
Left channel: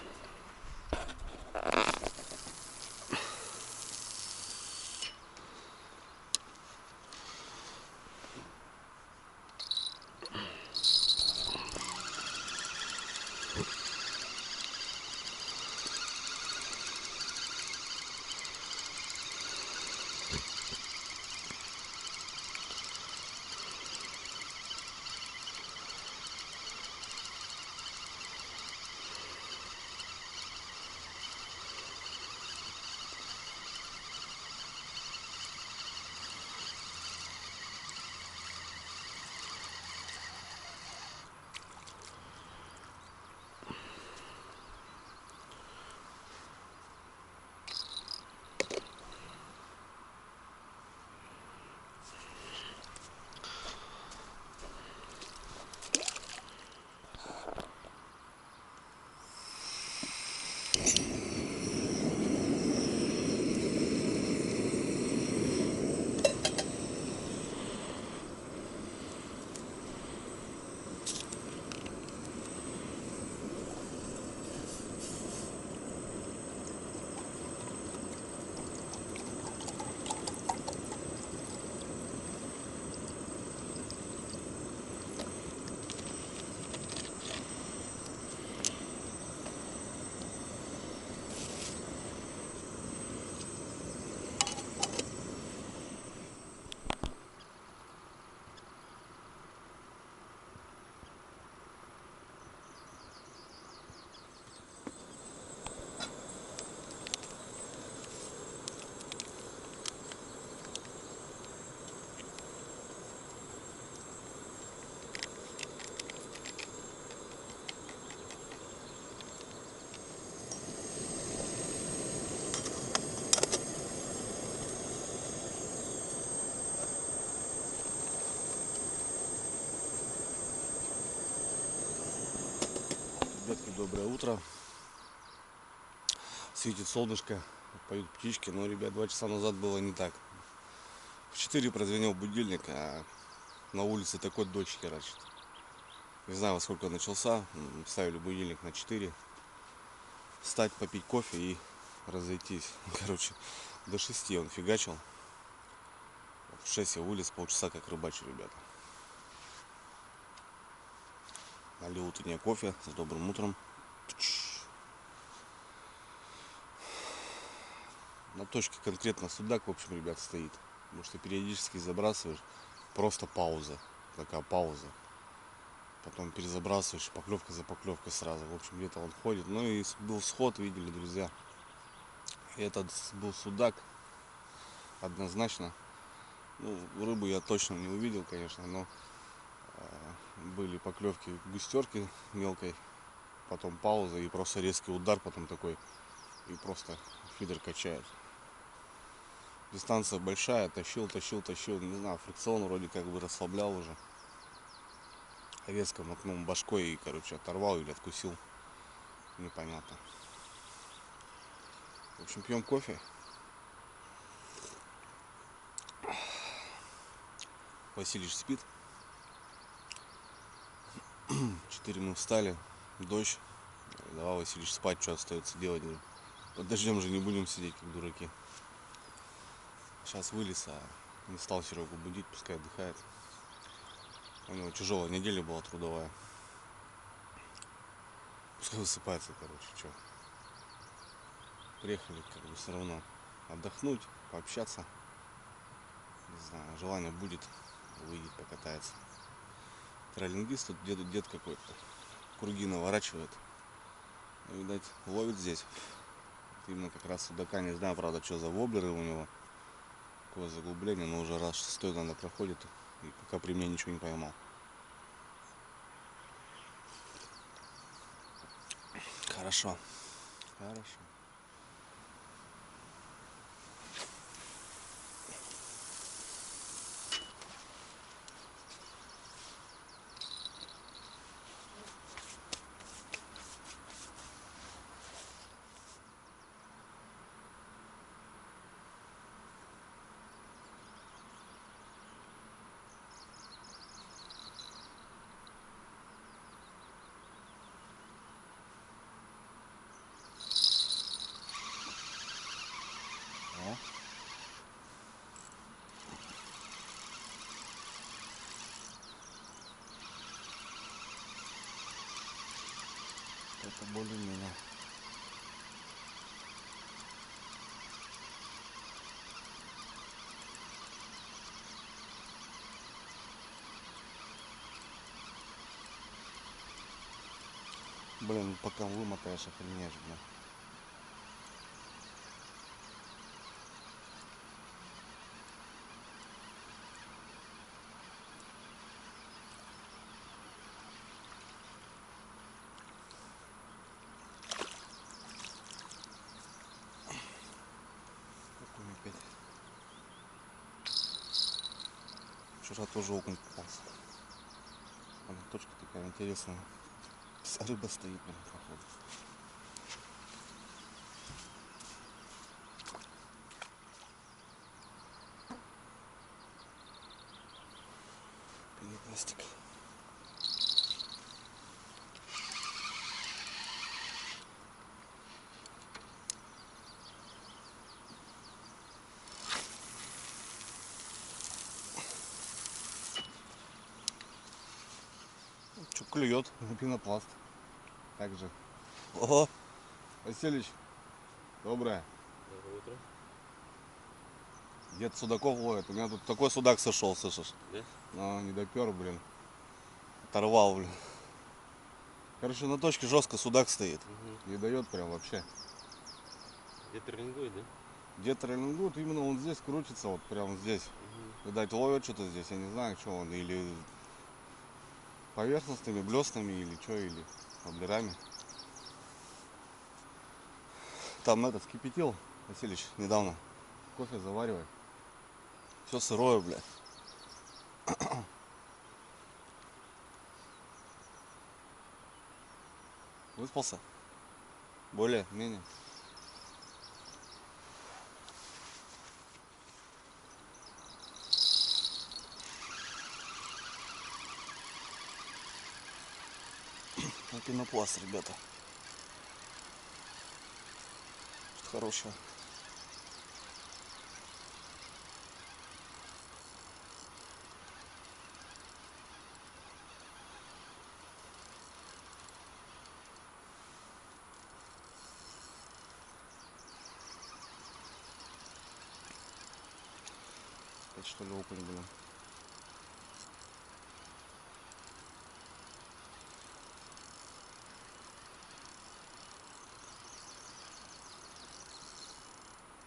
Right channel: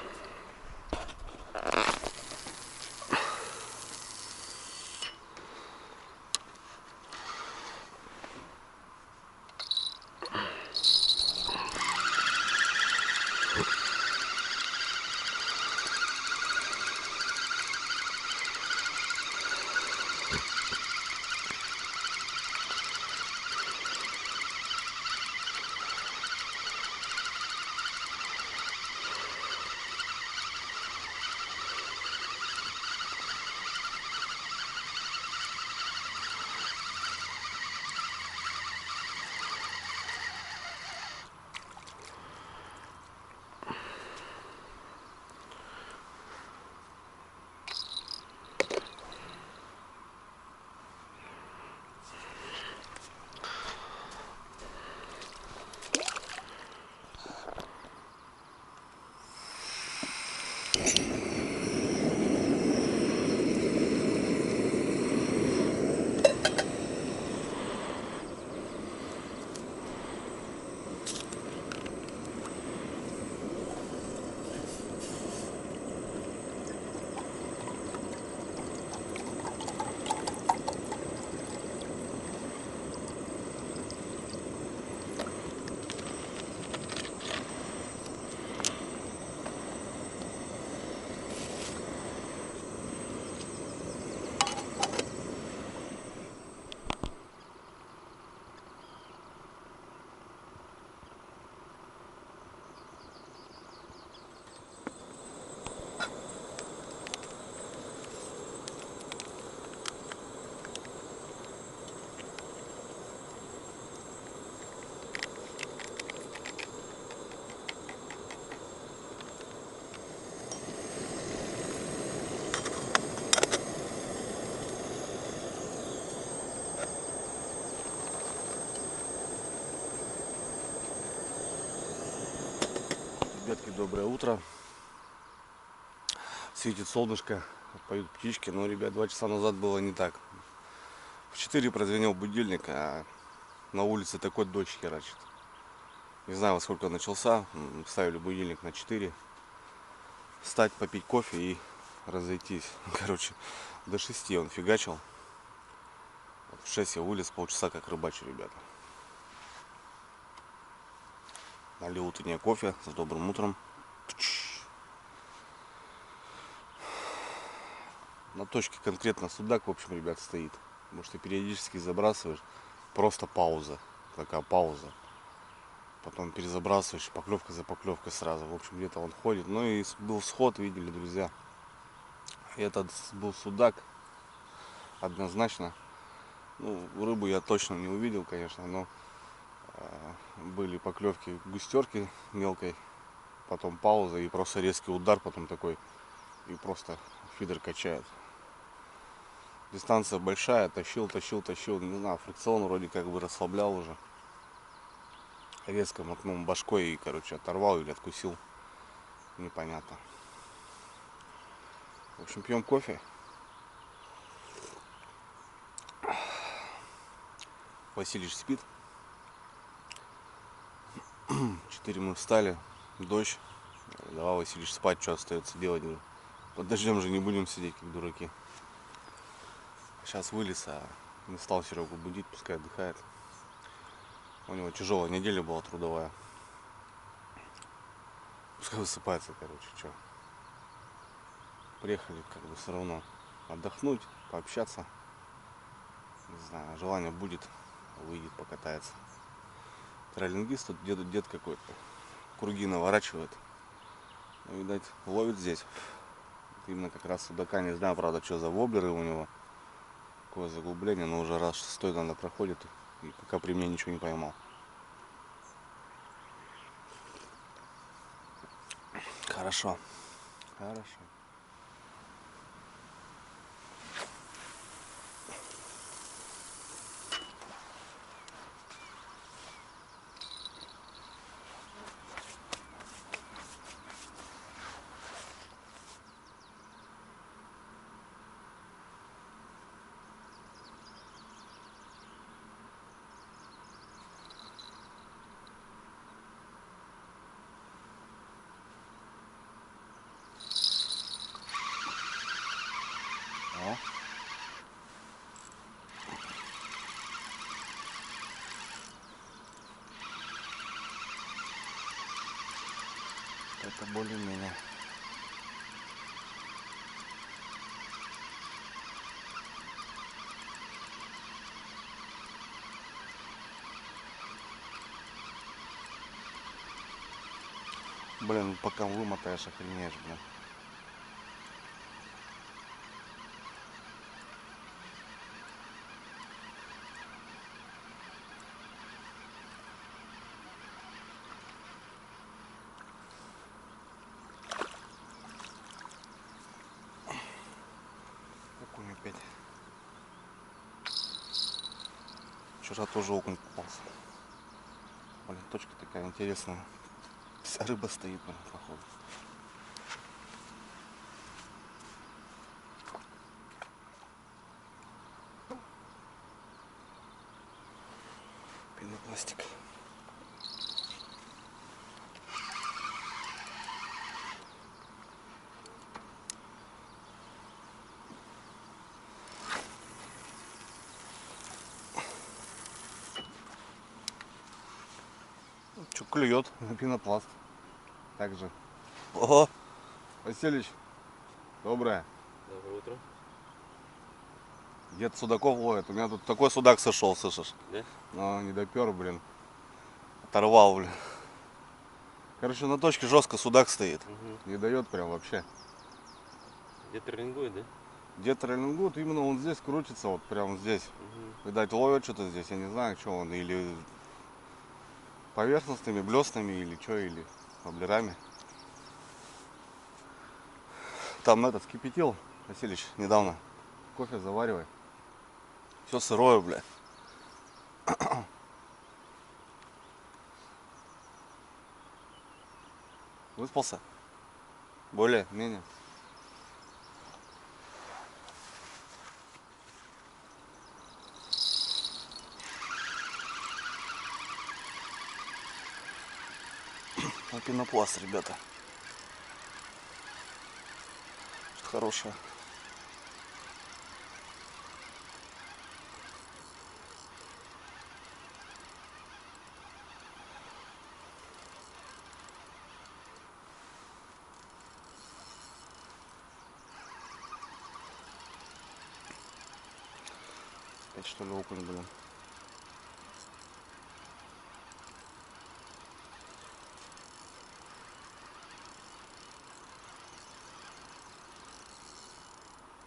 Ребятки, доброе утро. Светит солнышко, поют птички. Но, ребят, 2 часа назад было не так. В 4 прозвенел будильник, а на улице такой дождь херачит. Не знаю, во сколько начался. Ставили будильник на 4. Встать, попить кофе и разойтись. Короче, до 6 он фигачил. В 6 я вылез, полчаса как рыбачу, ребята. Налил утреннее кофе с добрым утром. На точке конкретно судак, в общем, ребят, стоит. Потому что периодически забрасываешь, просто пауза. Такая пауза. Потом перезабрасываешь, поклевка за поклевкой сразу. В общем, где-то он ходит. Ну и был сход, видели, друзья. Этот был судак, однозначно. Ну, рыбу я точно не увидел, конечно, но были поклевки густерки мелкой, потом пауза и просто резкий удар, потом такой, и просто фидер качает. Дистанция большая, тащил, не знаю, фрикцион вроде как бы расслаблял уже. Резко мотнул башкой и, короче, оторвал или откусил, непонятно. В общем, пьем кофе. Василич спит. 4 мы встали, дождь. Давай, Василич, спать, что остается делать? Под дождем же не будем сидеть, как дураки. Сейчас вылез, а не стал Серегу будить, пускай отдыхает. У него тяжелая неделя была трудовая. Пускай высыпается, короче, что. Приехали как бы все равно отдохнуть, пообщаться. Не знаю, желание будет, выйдет, покатается. Троллингист тут дед какой-то. Круги наворачивает. Ну, видать, ловит здесь. Вот именно как раз судака. Не знаю, правда, что за воблеры у него. Какое заглубление, но уже раз 6 надо проходит. И пока при мне ничего не поймал. Хорошо. Хорошо. О. Это более-менее. Блин, пока вымотаешь, охренеешь, блин. Окунь опять. Вчера тоже окунь попался. Блин, точка такая интересная. Вся рыба стоит, блин, походу. Пенопластик. Че клюет на пенопласт. Также. Ого! Василич, доброе. Доброе утро. Дед судаков ловит. У меня тут такой судак сошел, слышишь? Да? Но не допер, блин. Оторвал, блин. Короче, на точке жестко судак стоит. Угу. Не дает прям вообще. Где тренингует, да? Дед троллингует, именно он здесь крутится, вот прямо здесь. Угу. Видать, ловит что-то здесь, я не знаю, что он. Или поверхностными, блестными, или что, или воблерами. Там этот вскипятил, Василич, недавно. Кофе заваривай. Все сырое, бля. Выспался? Более-менее. на пенопласт, ребята. Что хорошее. Опять что ли окунь, блин.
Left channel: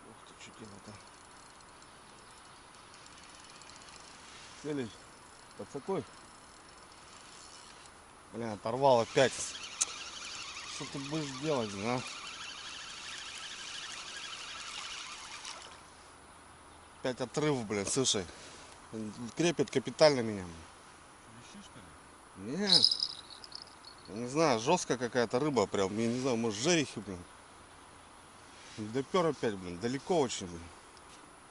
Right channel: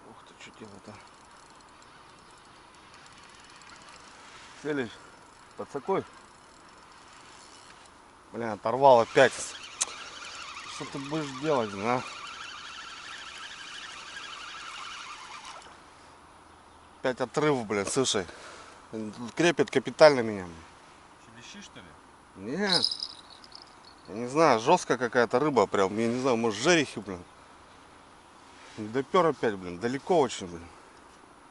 Ух ты, что делать-то? Целишь? Подсокой? Блин, оторвал опять. Что ты будешь делать, а? Опять отрыв, блин, слушай. Крепит капитально меня. Лещи, что ли? Нет. Я не знаю, жесткая какая-то рыба прям. Я не знаю, может жерехи, блин. Не допер опять, блин. Далеко очень, блин.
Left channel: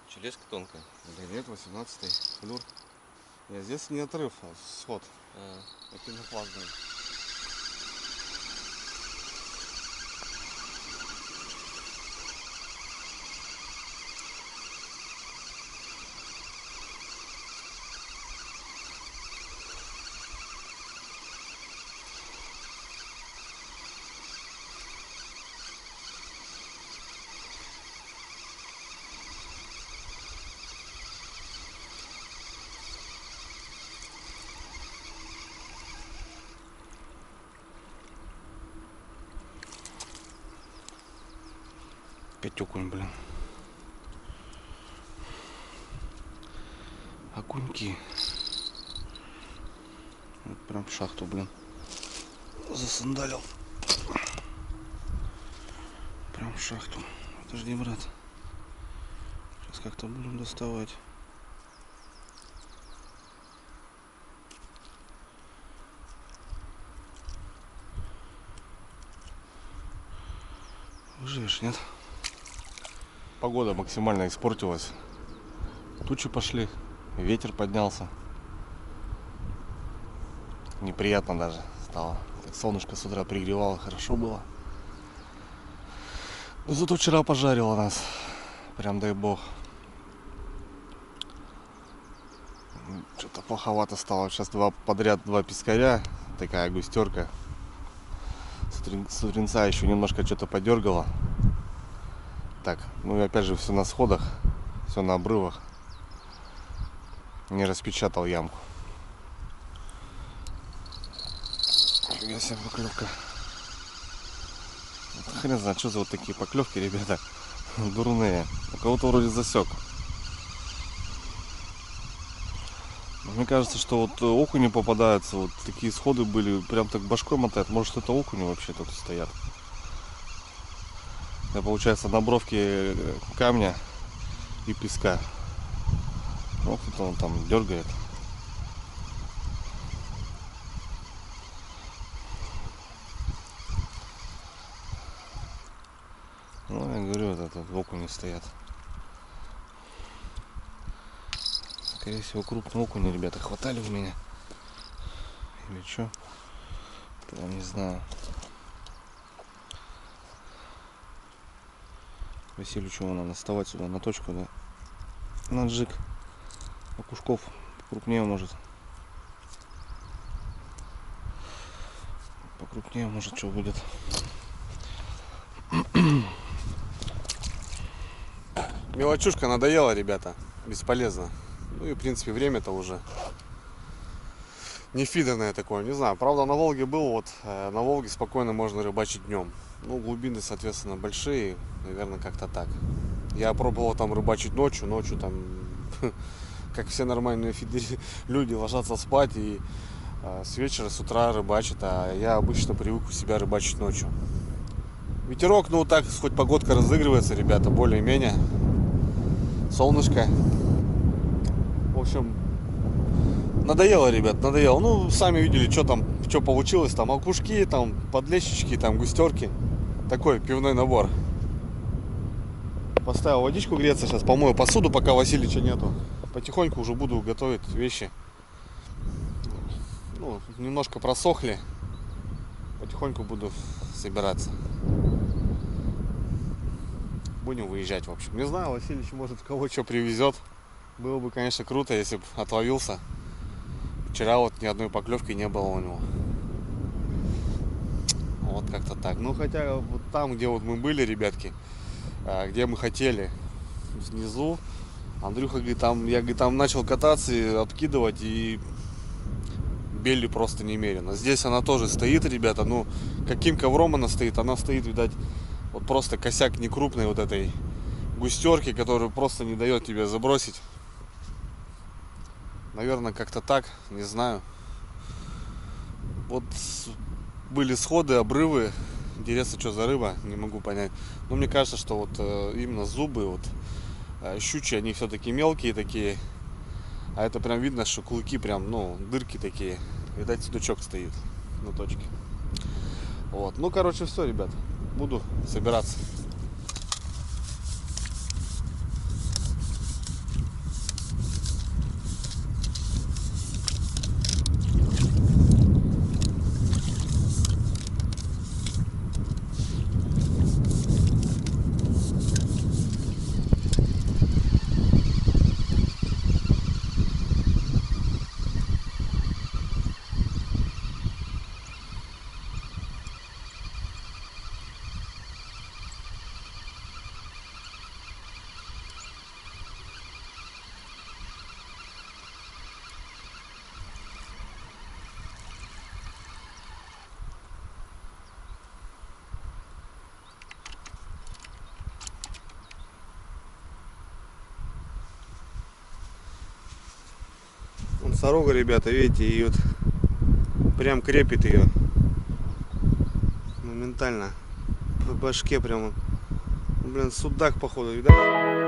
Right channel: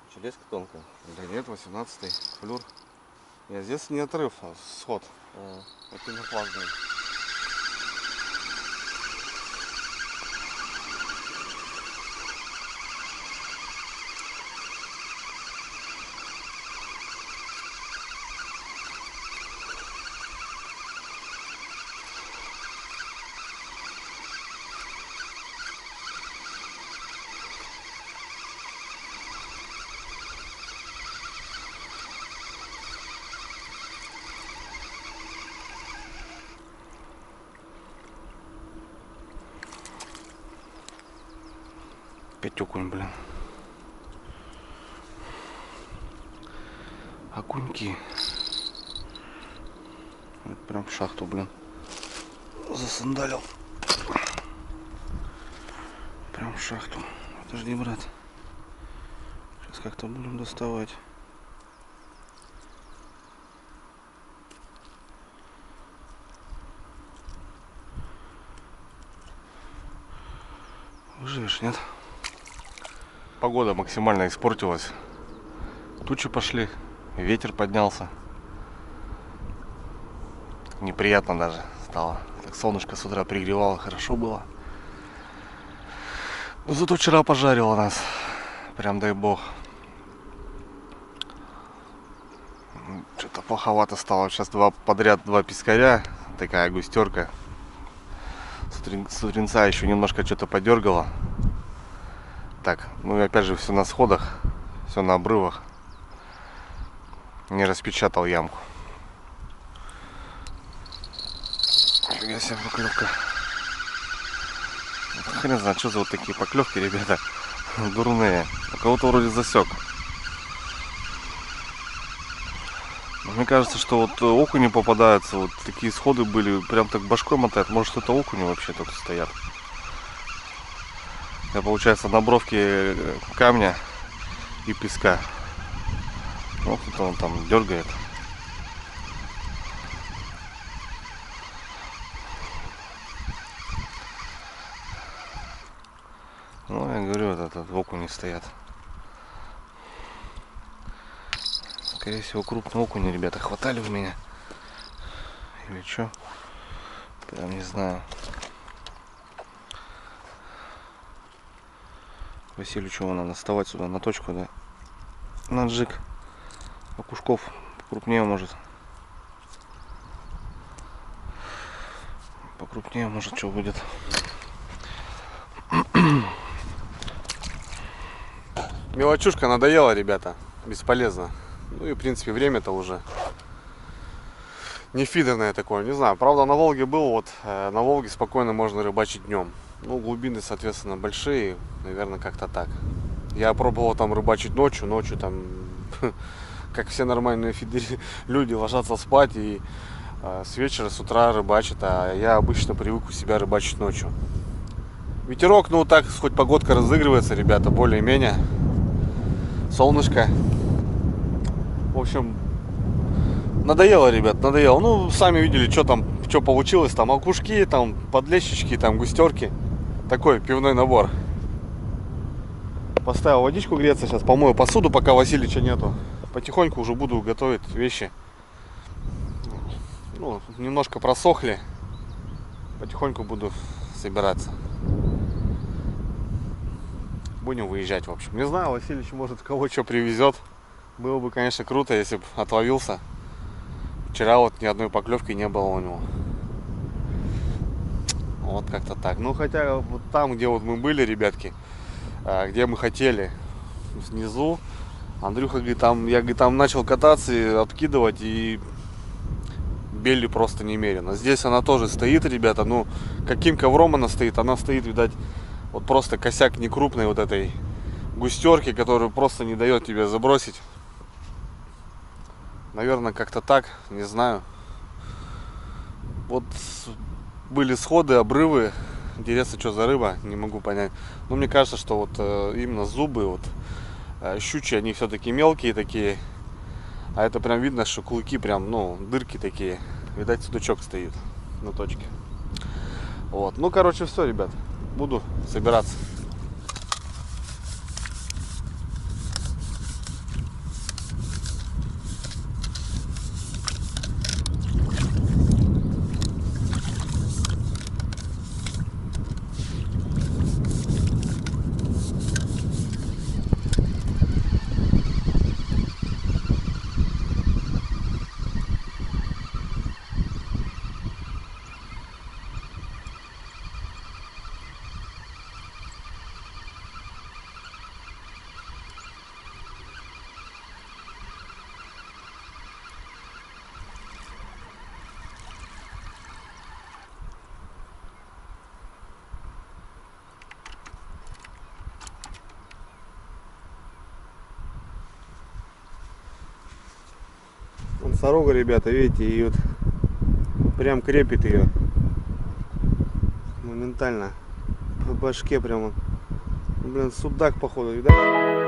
Челеска тонкая. Да нет, 18-й флюр. Я здесь не отрыв, а сход. Это не план, блин. Опять окунь, блин. Окуньки. Это прям в шахту, блин. Засандалил. Прям в шахту. Подожди, брат. Сейчас как-то будем доставать. Выживешь, нет? Погода максимально испортилась. Тучи пошли, ветер поднялся. Неприятно даже стало. Так солнышко с утра пригревало, хорошо было. Но зато вчера пожарило нас. Прям дай бог. Что-то плоховато стало. Сейчас подряд два пескаря. Такая густерка. С утренца еще немножко что-то подергало. Так, ну и опять же все на сходах, все на обрывах. Не распечатал ямку. Фига себе поклевка. Хрен знает, что за вот такие поклевки, ребята. Дурные. У кого-то вроде засек. Мне кажется, что вот окуни попадаются, вот такие сходы были, прям так башкой мотает. Может, это окуни вообще тут стоят. Это получается на бровке камня и песка. Вот это он там дергает. Ну, я говорю, вот этот окуни стоят. Скорее всего, крупные окуни, ребята, хватали у меня. Или что? Прям не знаю. Василию чего надо вставать сюда на точку, да? На джиг. Окушков покрупнее может. Покрупнее может что будет. Мелочушка надоела, ребята. Бесполезно. Ну и в принципе время-то уже не фидерное такое. Не знаю. Правда на Волге был. Вот на Волге спокойно можно рыбачить днем. Ну глубины соответственно большие. Наверное как-то так. Я пробовал там рыбачить ночью. Ночью там как все нормальные люди ложатся спать и с вечера, с утра рыбачат. А я обычно привык у себя рыбачить ночью. Ветерок, ну так, хоть погодка разыгрывается, ребята, более-менее. Солнышко. В общем, надоело, ребят, надоело. Ну, сами видели, что там, что получилось. Там окушки, там подлещички, там густерки. Такой пивной набор. Поставил водичку греться, сейчас помою посуду, пока Василича нету. Потихоньку уже буду готовить вещи. Ну, немножко просохли. потихоньку буду собираться. Будем выезжать, в общем. Не знаю, Васильевич, может, кого что привезет. Было бы, конечно, круто, если бы отловился. Вчера вот ни одной поклевки не было у него. Вот как-то так. Ну, хотя вот там, где вот мы были, ребятки, где мы хотели, снизу, Андрюха говорит, там, я, говорит, там начал кататься и откидывать, и бели просто немерено. Здесь она тоже стоит, ребята, ну, каким ковром она стоит? Она стоит, видать, вот просто косяк некрупной вот этой густерки, которую просто не дает тебе забросить. Наверное, как-то так, не знаю. Вот были сходы, обрывы. Интересно, что за рыба, не могу понять. Но мне кажется, что вот именно зубы, вот щучьи, они все-таки мелкие такие. А это прям видно, что клыки прям, ну, дырки такие. Видать, судачок стоит на точке. Вот, ну, короче, все, ребят. Буду собираться. Вон сорога, ребята, видите, и вот прям крепит ее моментально по башке прямо. Блин, судак, походу, видать?